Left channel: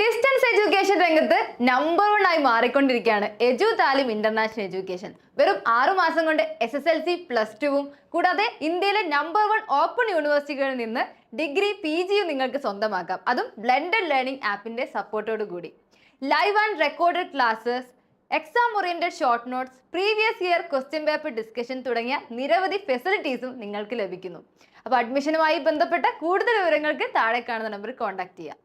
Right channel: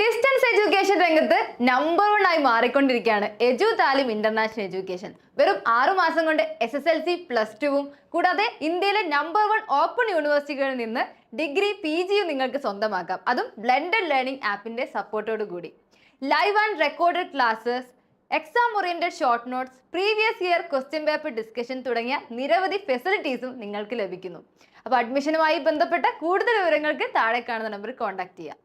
Distance education രംഗത്ത് number one ആയി മാറിക്കൊണ്ടിരിക്കുകയാണ് എജു താലിം ഇന്റർനാഷണൽ എഡ്യൂക്കേഷൻ വെറും ആറു മാസം കൊണ്ട് S S L C plus ടുവും കൂടാതെ ഇന്ത്യയിലെ നമ്പർ വൺ ഓപ്പൺ യൂണിവേഴ്സിറ്റികളിൽ നിന്ന് ഡിഗ്രി പി ജിയും നിങ്ങൾക്ക് സ്വന്തമാക്കാം. അതും ബ്ലെൻഡഡ് ലേണിംഗ് ആപ്പിന്റെ സപ്പോർട്ടോട് കൂടി. Live and recorded classes exam oriented short notes previous year question paper discussion തുടങ്ങിയ നിരവധി ഫെസിലിറ്റീസും നിങ്ങൾക്ക് ലഭിക്കുന്നു. അപ്പോൾ അഡ്മിഷനുമായി ബന്ധപ്പെട്ട കൂടുതൽ വിവരങ്ങൾക്ക് താഴെ കാണുന്ന നമ്പറിൽ കോൺടാക്ട് ചെയ്യാം.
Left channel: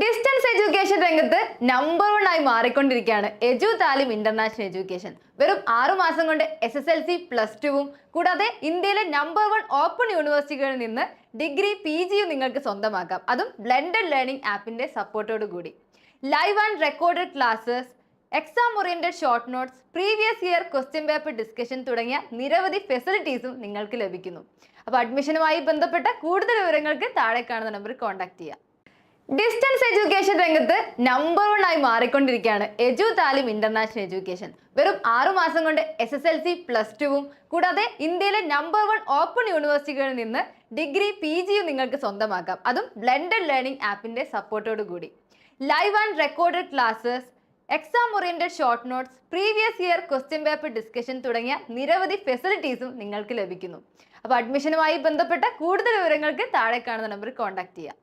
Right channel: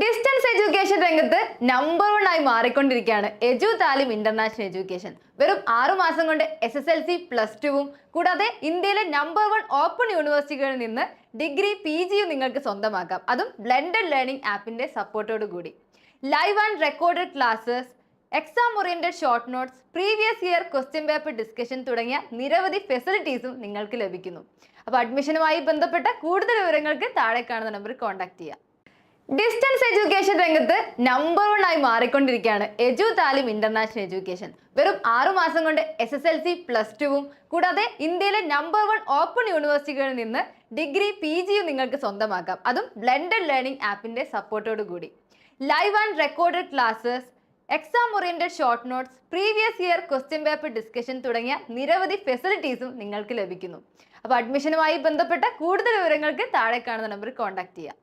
ഡിസ്റ്റൻസ് എഡ്യൂക്കേഷൻ രംഗത്ത് നമ്പർ വൺ ആയി മാറിക്കൊണ്ടിരിക്കുകയാണ്. എജു താലിം ഇന്റർനാഷണൽ എഡ്യൂക്കേഷൻ വെറും ആറു മാസം കൊണ്ട് S S L C plus ടുവും കൂടാതെ ഇന്ത്യയിലെ നമ്പർ വൺ ഓപ്പൺ യൂണിവേഴ്സിറ്റികളിൽ നിന്ന് ഡിഗ്രി പി ജിയും നിങ്ങൾക്ക് സ്വന്തമാക്കാം. അതും ബ്ലെൻഡഡ് ലേണിംഗ് ആപ്പിന്റെ സപ്പോർട്ടോട് കൂടി. Live and recorded classes exam oriented short notes previous year question paper discussion തുടങ്ങിയ നിരവധി ഫെസിലിറ്റീസും നിങ്ങൾക്ക് ലഭിക്കുന്നു. അപ്പോൾ അഡ്മിഷനുമായി ബന്ധപ്പെട്ട കൂടുതൽ വിവരങ്ങൾക്ക് താഴെ കാണുന്ന നമ്പറിൽ കോൺടാക്ട് ചെയ്യാം. ഡിസ്റ്റൻസ് എഡ്യൂക്കേഷൻ രംഗത്ത് നമ്പർ വൺ ആയി മാറിക്കൊണ്ടിരിക്കുകയാണ്. എജു താലിം ഇന്റർനാഷണൽ എഡ്യൂക്കേഷൻ വെറും ആറു മാസം കൊണ്ട് S S L C plus ടുവും കൂടാതെ ഇന്ത്യയിലെ നമ്പർ വൺ ഓപ്പൺ യൂണിവേഴ്സിറ്റികളിൽ നിന്ന് ഡിഗ്രി പി ജിയും നിങ്ങൾക്ക് സ്വന്തമാക്കാം. അതും ബ്ലെൻഡഡ് ലേണിംഗ് ആപ്പിന്റെ സപ്പോർട്ടോടു കൂടി. Live and recorded classes exam oriented short notes previous year question paper discussion തുടങ്ങിയ നിരവധി ഫെസിലിറ്റീസും നിങ്ങൾക്ക് ലഭിക്കുന്നു. അപ്പോൾ അഡ്മിഷനുമായി ബന്ധപ്പെട്ട കൂടുതൽ വിവരങ്ങൾക്ക് താഴെ കാണുന്ന നമ്പറിൽ കോൺടാക്ട് ചെയ്യാം.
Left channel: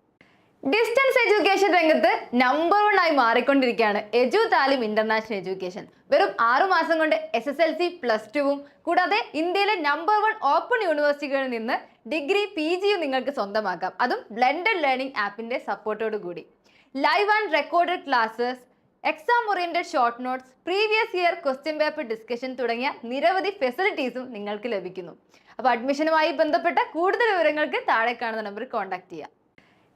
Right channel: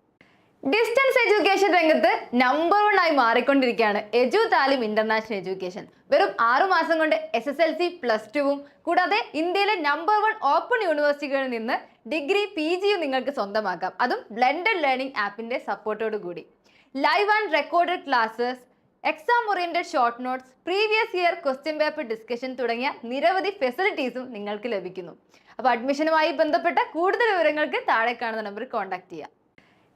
ഡിസ്റ്റൻസ് എഡ്യൂക്കേഷൻ രംഗത്ത് നമ്പർ വൺ ആയി മാറിക്കൊണ്ടിരിക്കുകയാണ്. എജു താലിം ഇന്റർനാഷണൽ എഡ്യൂക്കേഷൻ വെറും ആറു മാസം കൊണ്ട് S S L C plus ടുവും കൂടാതെ ഇന്ത്യയിലെ നമ്പർ വൺ ഓപ്പൺ യൂണിവേഴ്സിറ്റികളിൽ നിന്ന് ഡിഗ്രി പി ജിയും നിങ്ങൾക്ക് സ്വന്തമാക്കാം. അതും ബ്ലെൻഡഡ് ലേണിംഗ് ആപ്പിന്റെ സപ്പോർട്ടോട് കൂടി. Live and recorded classes exam oriented short notes previous year question paper discussion തുടങ്ങിയ നിരവധി ഫെസിലിറ്റീസും നിങ്ങൾക്ക് ലഭിക്കുന്നു. അപ്പോൾ അഡ്മിഷനുമായി ബന്ധപ്പെട്ട കൂടുതൽ വിവരങ്ങൾക്ക് താഴെ കാണുന്ന നമ്പറിൽ കോൺടാക്ട് ചെയ്യാം.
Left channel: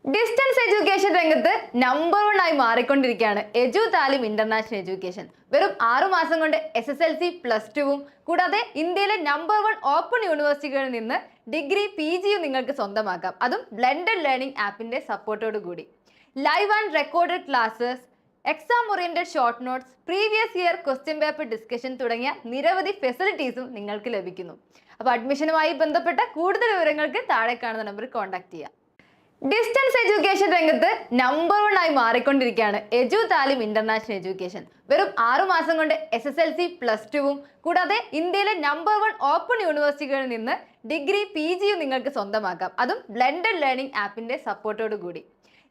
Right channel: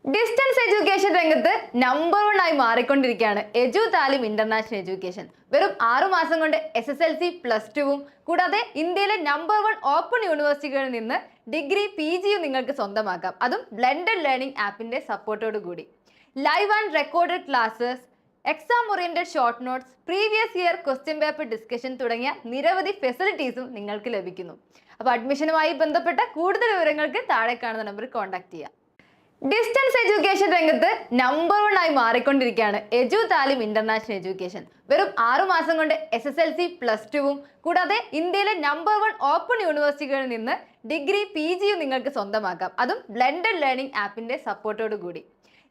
ഡിസ്റ്റൻസ് എഡ്യൂക്കേഷൻ രംഗത്ത് നമ്പർ വൺ ആയി മാറിക്കൊണ്ടിരിക്കുകയാണ്. എജു താലിം ഇന്റർനാഷണൽ എഡ്യൂക്കേഷൻ വെറും ആറു മാസം കൊണ്ട് S S L C plus ടുവും കൂടാതെ ഇന്ത്യയിലെ നമ്പർ വൺ ഓപ്പൺ യൂണിവേഴ്സിറ്റികളിൽ നിന്ന് ഡിഗ്രി പി ജിയും നിങ്ങൾക്ക് സ്വന്തമാക്കാം. അതും ബ്ലെൻഡഡ് ലേണിംഗ് ആപ്പിന്റെ സപ്പോർട്ടോട് കൂടി. Live and recorded classes exam oriented short notes previous year question paper discussion തുടങ്ങിയ നിരവധി ഫെസിലിറ്റീസും നിങ്ങൾക്ക് ലഭിക്കുന്നു. അപ്പോൾ അഡ്മിഷനുമായി ബന്ധപ്പെട്ട കൂടുതൽ വിവരങ്ങൾക്ക് താഴെ കാണുന്ന നമ്പറിൽ കോൺടാക്ട് ചെയ്യാം. ഡിസ്റ്റൻസ് എഡ്യൂക്കേഷൻ രംഗത്ത് നമ്പർ വൺ ആയി മാറിക്കൊണ്ടിരിക്കുകയാണ്. എജു താലിം ഇന്റർനാഷണൽ എഡ്യൂക്കേഷൻ വെറും ആറു മാസം കൊണ്ട് S S L C plus ടുവും കൂടാതെ ഇന്ത്യയിലെ നമ്പർ വൺ ഓപ്പൺ യൂണിവേഴ്സിറ്റികളിൽ നിന്ന് ഡിഗ്രി പി ജിയും നിങ്ങൾക്ക് സ്വന്തമാക്കാം. അതും ബ്ലെൻഡഡ് ലേണിംഗ് ആപ്പിന്റെ സപ്പോർട്ടോട് കൂടി.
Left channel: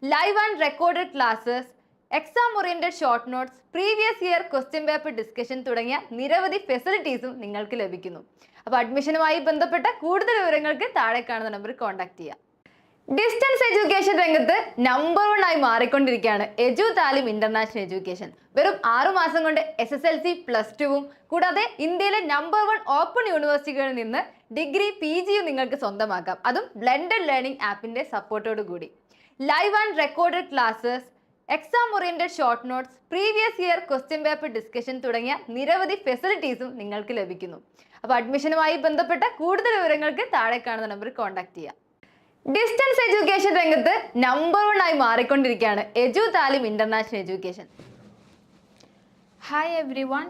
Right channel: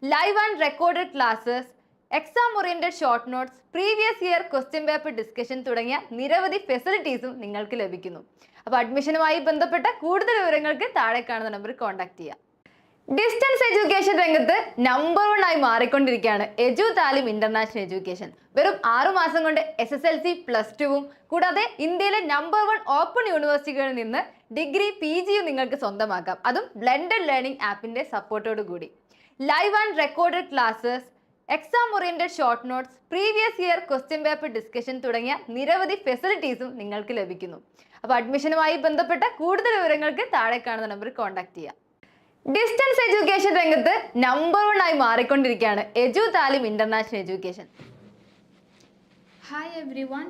Live and recorded classes exam oriented short notes previous year question paper discussion തുടങ്ങിയ നിരവധി ഫെസിലിറ്റീസും നിങ്ങൾക്ക് ലഭിക്കുന്നു. അപ്പോൾ അഡ്മിഷനുമായി ബന്ധപ്പെട്ട കൂടുതൽ വിവരങ്ങൾക്ക് താഴെ കാണുന്ന നമ്പറിൽ കോൺടാക്ട് ചെയ്യാം. ഡിസ്റ്റൻസ് എഡ്യൂക്കേഷൻ രംഗത്ത് നമ്പർ വൺ ആയി മാറിക്കൊണ്ടിരിക്കുകയാണ്. എജു താലിം ഇന്റർനാഷണൽ എഡ്യൂക്കേഷൻ വെറും ആറു മാസം കൊണ്ട് S S L C plus ടുവും കൂടാതെ ഇന്ത്യയിലെ നമ്പർ വൺ ഓപ്പൺ യൂണിവേഴ്സിറ്റികളിൽ നിന്ന് ഡിഗ്രി പി ജിയും നിങ്ങൾക്ക് സ്വന്തമാക്കാം. അതും ബ്ലെൻഡഡ് ലേണിംഗ് ആപ്പിന്റെ സപ്പോർട്ടോട് കൂടി. Live and recorded classes exam oriented short notes previous year question paper discussion തുടങ്ങിയ നിരവധി ഫെസിലിറ്റീസും നിങ്ങൾക്ക് ലഭിക്കുന്നു. അപ്പോൾ അഡ്മിഷനുമായി ബന്ധപ്പെട്ട കൂടുതൽ വിവരങ്ങൾക്ക് താഴെ കാണുന്ന നമ്പറിൽ കോൺടാക്ട് ചെയ്യാം. ഡിസ്റ്റൻസ് എഡ്യൂക്കേഷൻ രംഗത്ത് നമ്പർ വൺ ആയി മാറിക്കൊണ്ടിരിക്കുകയാണ് Edu Taleem international education hi everyone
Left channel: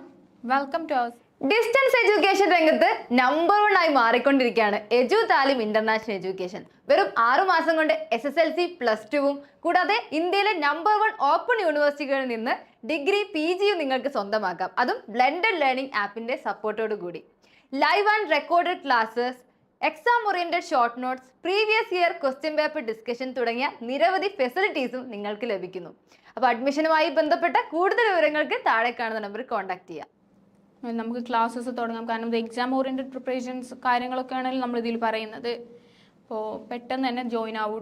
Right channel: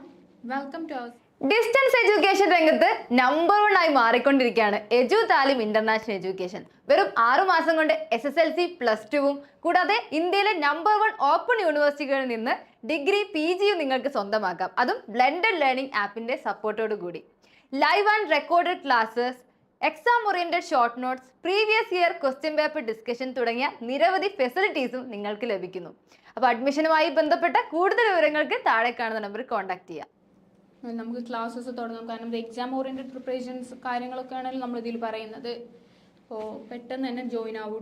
welcome to our distance education രംഗത്ത് നമ്പർ വൺ ആയി മാറിക്കൊണ്ടിരിക്കുകയാണ് എജു താലിം ഇന്റർനാഷണൽ എഡ്യൂക്കേഷൻ വെറും ആറു മാസം കൊണ്ട് S S L C plus ടുവും കൂടാതെ ഇന്ത്യയിലെ നമ്പർ വൺ ഓപ്പൺ യൂണിവേഴ്സിറ്റികളിൽ നിന്ന് ഡിഗ്രി പി ജിയും നിങ്ങൾക്ക് സ്വന്തമാക്കാം. അതും ബ്ലെൻഡഡ് ലേണിംഗ് ആപ്പിന്റെ സപ്പോർട്ടോടുകൂടി live and recorded classes exam oriented short notes previous year question paper discussion തുടങ്ങിയ നിരവധി ഫെസിലിറ്റീസും നിങ്ങൾക്ക് ലഭിക്കുന്നു. അപ്പോൾ അഡ്മിഷനുമായി ബന്ധപ്പെട്ട കൂടുതൽ വിവരങ്ങൾക്ക് താഴെ കാണുന്ന നമ്പർ കോൺടാക്ട് ചെയ്യാം. നമുക്ക് ക്ലാസ്സസ് തുടങ്ങാം. കാരണം എക്സാം ഓറിയന്റഡ് പ്രിപ്പറേഷൻസ് കാര്യങ്ങളൊക്കെ ആണെങ്കിൽ നമ്മൾ ഇതിൽ പറയുന്നത്. അപ്പോൾ പെട്ടെന്ന് തന്നെ ജോയിൻ ആവും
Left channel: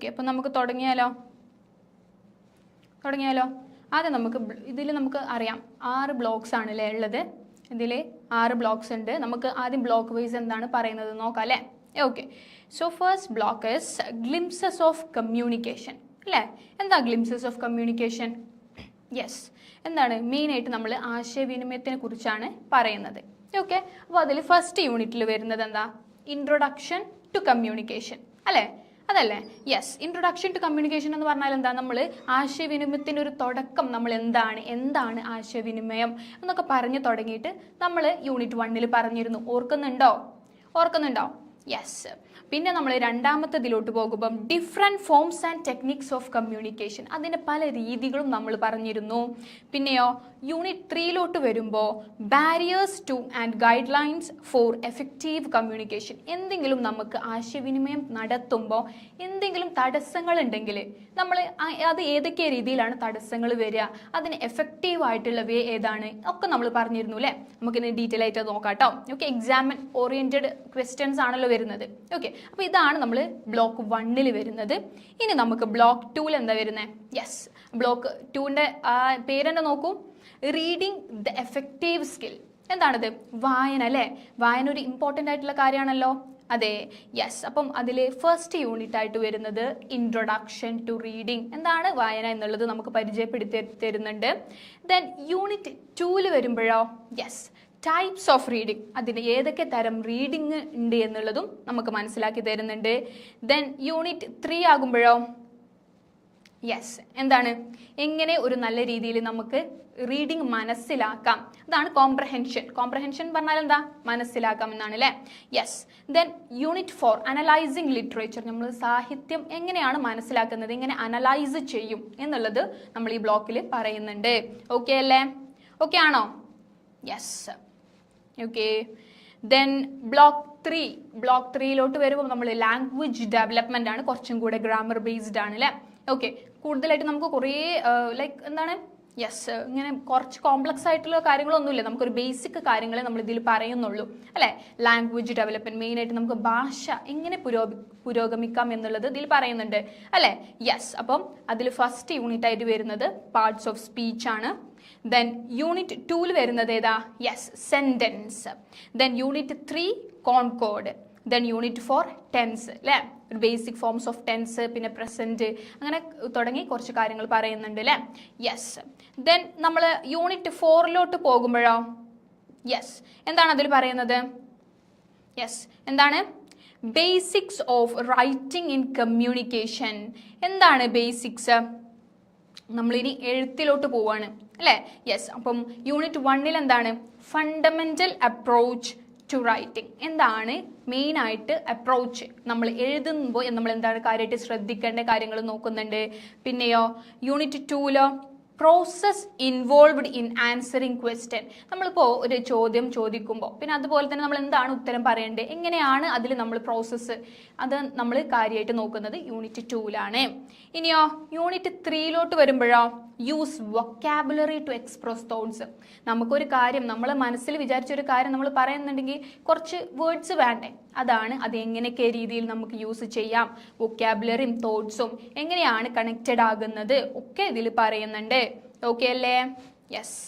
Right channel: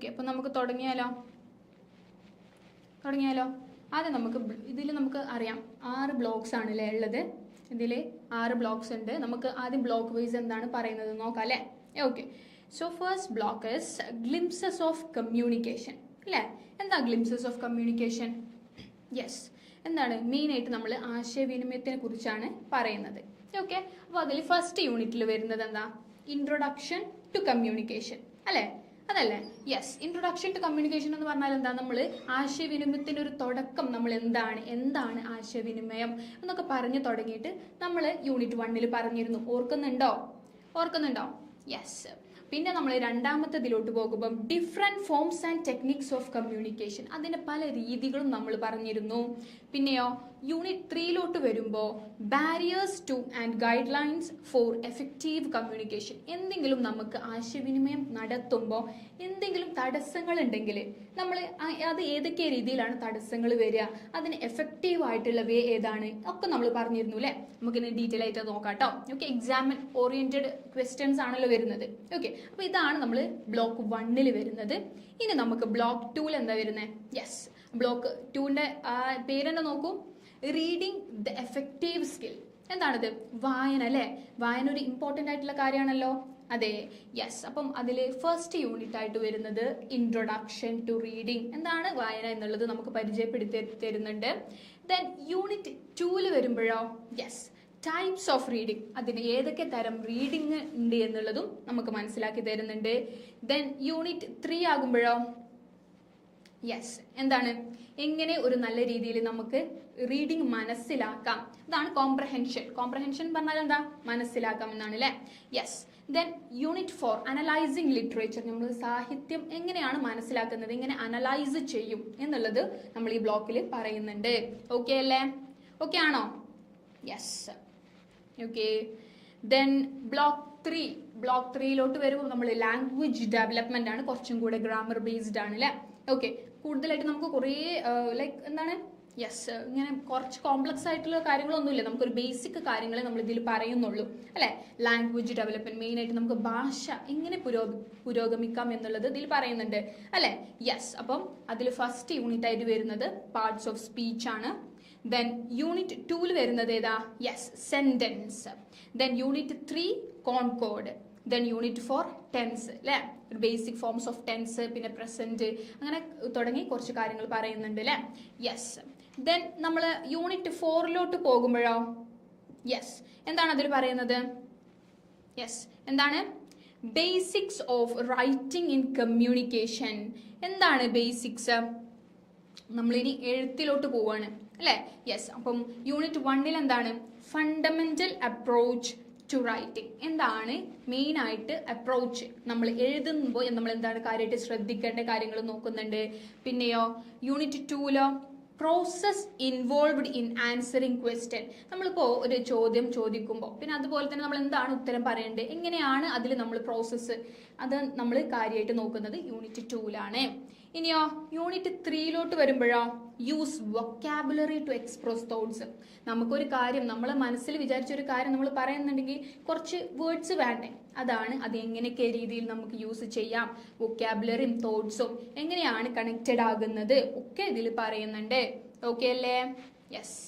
ഓക്കെ അപ്പോൾ നമുക്ക് തുടങ്ങിയാലോ? തുടങ്ങിയാലോ? ആദ്യം നമുക്ക് ഇതിൽ നമുക്ക് അറിയാം ആറ് ബ്ലോക്സ് ആണല്ലേ ഉള്ളത്? ഇതിൽ ആറ് ബ്ലോക്സ് ഉണ്ട്. നമുക്ക് ആദ്യം ബ്ലോക്ക് വൈസ് എന്താണ് പറയുന്നത് നോക്കാം അല്ലേ? Okay so first block is glimpses of communication അല്ലേ? എന്താ ഗ്ലിംസസ് ഓഫ് കമ്മ്യൂണിക്കേഷൻ യെസ് എന്താണ്? മെയിനായിട്ട് നമ്മൾ ആശയവിനിമയത്തിനെ കുറിച്ചാണ് പറയുന്നത്. ഓക്കെ അപ്പോൾ അതിൽ ഫസ്റ്റ് യൂണിറ്റിൽ വരുന്നത് എന്താ? ഇൻട്രൊഡക്ഷൻ ടു കമ്മ്യൂണിക്കേഷൻ അല്ലേ? അതല്ലേ? യെസ് ഇൻട്രൊഡക്ഷൻ ടു കമ്മ്യൂണിക്കേഷൻ എന്ന് പറഞ്ഞാൽ എന്താ? നമ്മൾ ആശയവിനിമയത്തിന്റെ ഒരു തുടക്കം നമ്മൾ എന്താണ്? എന്താണ് ആശയവിനിമയം? എന്നൊക്കെ പറഞ്ഞു തുടങ്ങിയിട്ട് നമ്മൾ യൂണിറ്റ് വണ്ണിൽ പറഞ്ഞിരുന്നു. ഓർക്കുന്നുണ്ടോ? ഓർക്കുന്നുണ്ടോ? യെസ് പിന്നെ നമ്മൾ രണ്ടാമത്തതിലോട്ട് പോകുമ്പം different forms and techniques of communication അതിന്റെ പല രീതികളും നമ്മൾ പറഞ്ഞിരുന്നു. പിന്നെയോ? യൂണിറ്റ് ത്രീയിലോട്ട് വരുമ്പോൾ barriers to and guidelines for effective communication എന്തെങ്കിലും നമുക്ക് ആശയവിനിമയം നടത്തുമ്പോൾ എന്തെങ്കിലും തടസ്സങ്ങൾ ഉണ്ടെങ്കിൽ നമ്മൾ അത് ഏതൊക്കെ രീതിയിലാണ് തടസ്സങ്ങൾ വരിക അതിന് എഫക്റ്റീവ് ആയിട്ടുള്ള വേ ഏതാണ് ഒക്കെ നമ്മൾ പറഞ്ഞിരുന്നു അല്ലേ നമുക്കിന്ന് ഡീറ്റെയിൽ ആയിട്ട് നോക്കാം കേട്ടോ ഓക്കെ എക്സാമിൻ ഓറിയന്റഡ് ക്വസ്റ്റ്യൻസ് ആണല്ലോ വരുന്നത്. ഓക്കെ അപ്പോൾ ഇതാണ് നമ്മൾ ബ്ലോക്ക് വണ്ണിൽ വരുന്നത്. ഇനി നമുക്ക് ബ്ലോക്ക് ടൂവിൽ എന്താ വരുന്നത് യെസ് ബ്ലോക്ക് ടൂവിന്റെ പേരെന്നെ നോക്കൂ? റീഡിങ് ദ എഫക്റ്റീവ് സ്കിൽ എന്താണത്? വായന അല്ലേ? വായന ഒരു ഇമ്പോർട്ടന്റ് ആയിട്ടുള്ള കാര്യമാണല്ലോ. അതെ. യെസ് അപ്പം അതിൽ ഫസ്റ്റ് യൂണിറ്റ് ആയിട്ട് വരുന്നത് ഇൻട്രൊഡക്ഷൻ ടു റീഡിങ് എന്താണ് വായന എന്നുള്ളത് നമുക്ക് പരിചയപ്പെടുത്തി തരുന്നുണ്ട്. ദെൻ യൂണിറ്റ് ടൂവിൽ വരുമ്പോഴോ? യെസ് ടൈപ്സ് ഓഫ് റീഡിങ് അതിന് ഏതൊക്കെ തരം റീഡിങ് ഉണ്ട് എന്നുള്ളതും നമുക്ക് മനസ്സിലാക്കി തരുന്നുണ്ട്. ദെൻ യൂണിറ്റ് ത്രീ ആകുമ്പോഴോ? യെസ് എന്താണ്? എങ്ങനെ ഒരു നല്ല രീതിയിൽ നമുക്ക് റീഡിങ് മനസ്സിലാക്കാം. അതാണ് കോംപ്രഹെൻഷൻ കോംപ്രഹെൻഷൻ പറഞ്ഞാൽ എന്താ? മനസ്സിലാക്കാം എന്നാണ് അല്ലേ yes then unit four analysing literature നമ്മൾ സാഹിത്യം എങ്ങനെയാണ് മനസ്സിലാക്കുന്നത്? എങ്ങനെ അനലൈസ് ചെയ്യും എന്നുള്ളത് നമ്മൾ ഈ ബ്ലോക്കിൽ പറയുന്നുണ്ട്. ഓക്കെ അല്ലേ? ഓക്കെ ആണോ? Yes okay then block three block ത്രീയിലോട്ട് വരുമ്പോൾ നമ്മൾ ലാംഗ്വേജ് ഡെവലപ്മെന്റ് ആണ് കുറച്ചും കൂടെ ഗ്രാമർ ബേസ്ഡ് ആണ് അല്ലേ ഓക്കെ കൂടുതലായിട്ട് നമുക്ക് കുറേ ലൈക്ക് എന്താണ്? യെസ് ഇങ്ങനെ കുറച്ച് കോംപ്ലക്സ് ആയിട്ടുള്ള കാര്യങ്ങളൊന്നുമില്ല. നമുക്കൊരു ബേസിക് കാര്യങ്ങളെ നമ്മൾ ഇതിൽ പറയുന്നുള്ളൂ. അല്ലേ? ലാംഗ്വേജ് ഡെവലപ്മെന്റ് മെയിൻ ആയിട്ട് നമുക്ക് ഭാഷ എങ്ങനെ പുരോ പുരോഗമിക്കാം എന്നുള്ളത് ഇതിൽ പറയുന്നുണ്ട്. അല്ലേ? യെസ് അപ്പം അതിൽ ഫസ്റ്റ് യൂണിറ്റ് ആയിട്ട് വരുന്നത് പാർട്സ് ഓഫ് സ്പീച്ച് ആണ്. ദെൻ യൂണിറ്റ് ടൂവിൽ വരുന്നത് ഏതാ? Yes sentence then unit three concord then unit four tense അല്ലേ? ബേസിക് ഫോംസ് ഓഫ് ടെൻസ് പിന്നെ പ്രസന്റ് അങ്ങനെ തുടങ്ങി കുറച്ച് കാര്യങ്ങൾ പറയുന്നുണ്ട്. അല്ലേ? യെസ് ദെൻ നമ്മൾ യൂണിറ്റ് ഫോറിലോട്ട് പോകുമ്പോഴോ? യെസ് എന്താണ് അതിൽ പറയുന്നത്? യെസ് എന്താണ്? Basics of writing in communication എന്താണ് ബേസിക്സ് നമ്മളിനി എഴുത്തിലോട്ട് പോവാണ്. അല്ലേ? യെസ് അപ്പം യൂണിറ്റ് വണ്ണിൽ എന്താണ്? ഫണ്ടമെന്റൽ അപ്രോച്ച് ടു റൈറ്റിംഗ് എന്താണ് മെയിനായിട്ട് അപ്രോച്ച് നമ്മൾ എഴുതുമ്പോൾ നമ്മൾ എന്താണ് കാര്യമായിട്ട് ശ്രദ്ധിക്കേണ്ട കാര്യങ്ങൾ നോക്കുന്നുണ്ട്. പിന്നെയോ unit ടൂലോ process involved in answering question നമ്മളിപ്പോൾ ഒരു ചോദ്യം ചോദിക്കുമ്പോൾ പിന്നെ അതുപോലെ തന്നെ നമ്മൾ എന്താണ് ഉത്തരം പറയേണ്ടത്? എങ്ങനെയാണ് അതിൽ നമ്മൾ പ്രോസസ്സ് അത് നമ്മൾ കാര്യമായിട്ട് നോക്കുന്നത്? യൂണിറ്റ് ടൂവിലാണ് ഇനിയോ യൂണിറ്റ് ത്രീയിലോട്ട് വരുമ്പോഴോ? Use vocabulary to express thoughts നമുക്കൊരു കാര്യം നമ്മൾ മനസ്സിൽ വിചാരിച്ചൊരു കാര്യം നമ്മൾ പറയുന്നുണ്ടെങ്കിൽ കുറച്ച് വേർഡ്സ് വേണ്ടേ? അതാണ് അത് എങ്ങനെയൊക്കെ രീതിയിൽ നമുക്ക് യൂസ് ചെയ്യാം. വൊക്കാബുലറിയും തോട്ട്സും എങ്ങനെയാണ് കണക്റ്റഡ് ആകുന്നത് ഒക്കെ ഇതിൽ പറയുന്നുണ്ട്. ഓക്കെ അല്ലേ? യെസ്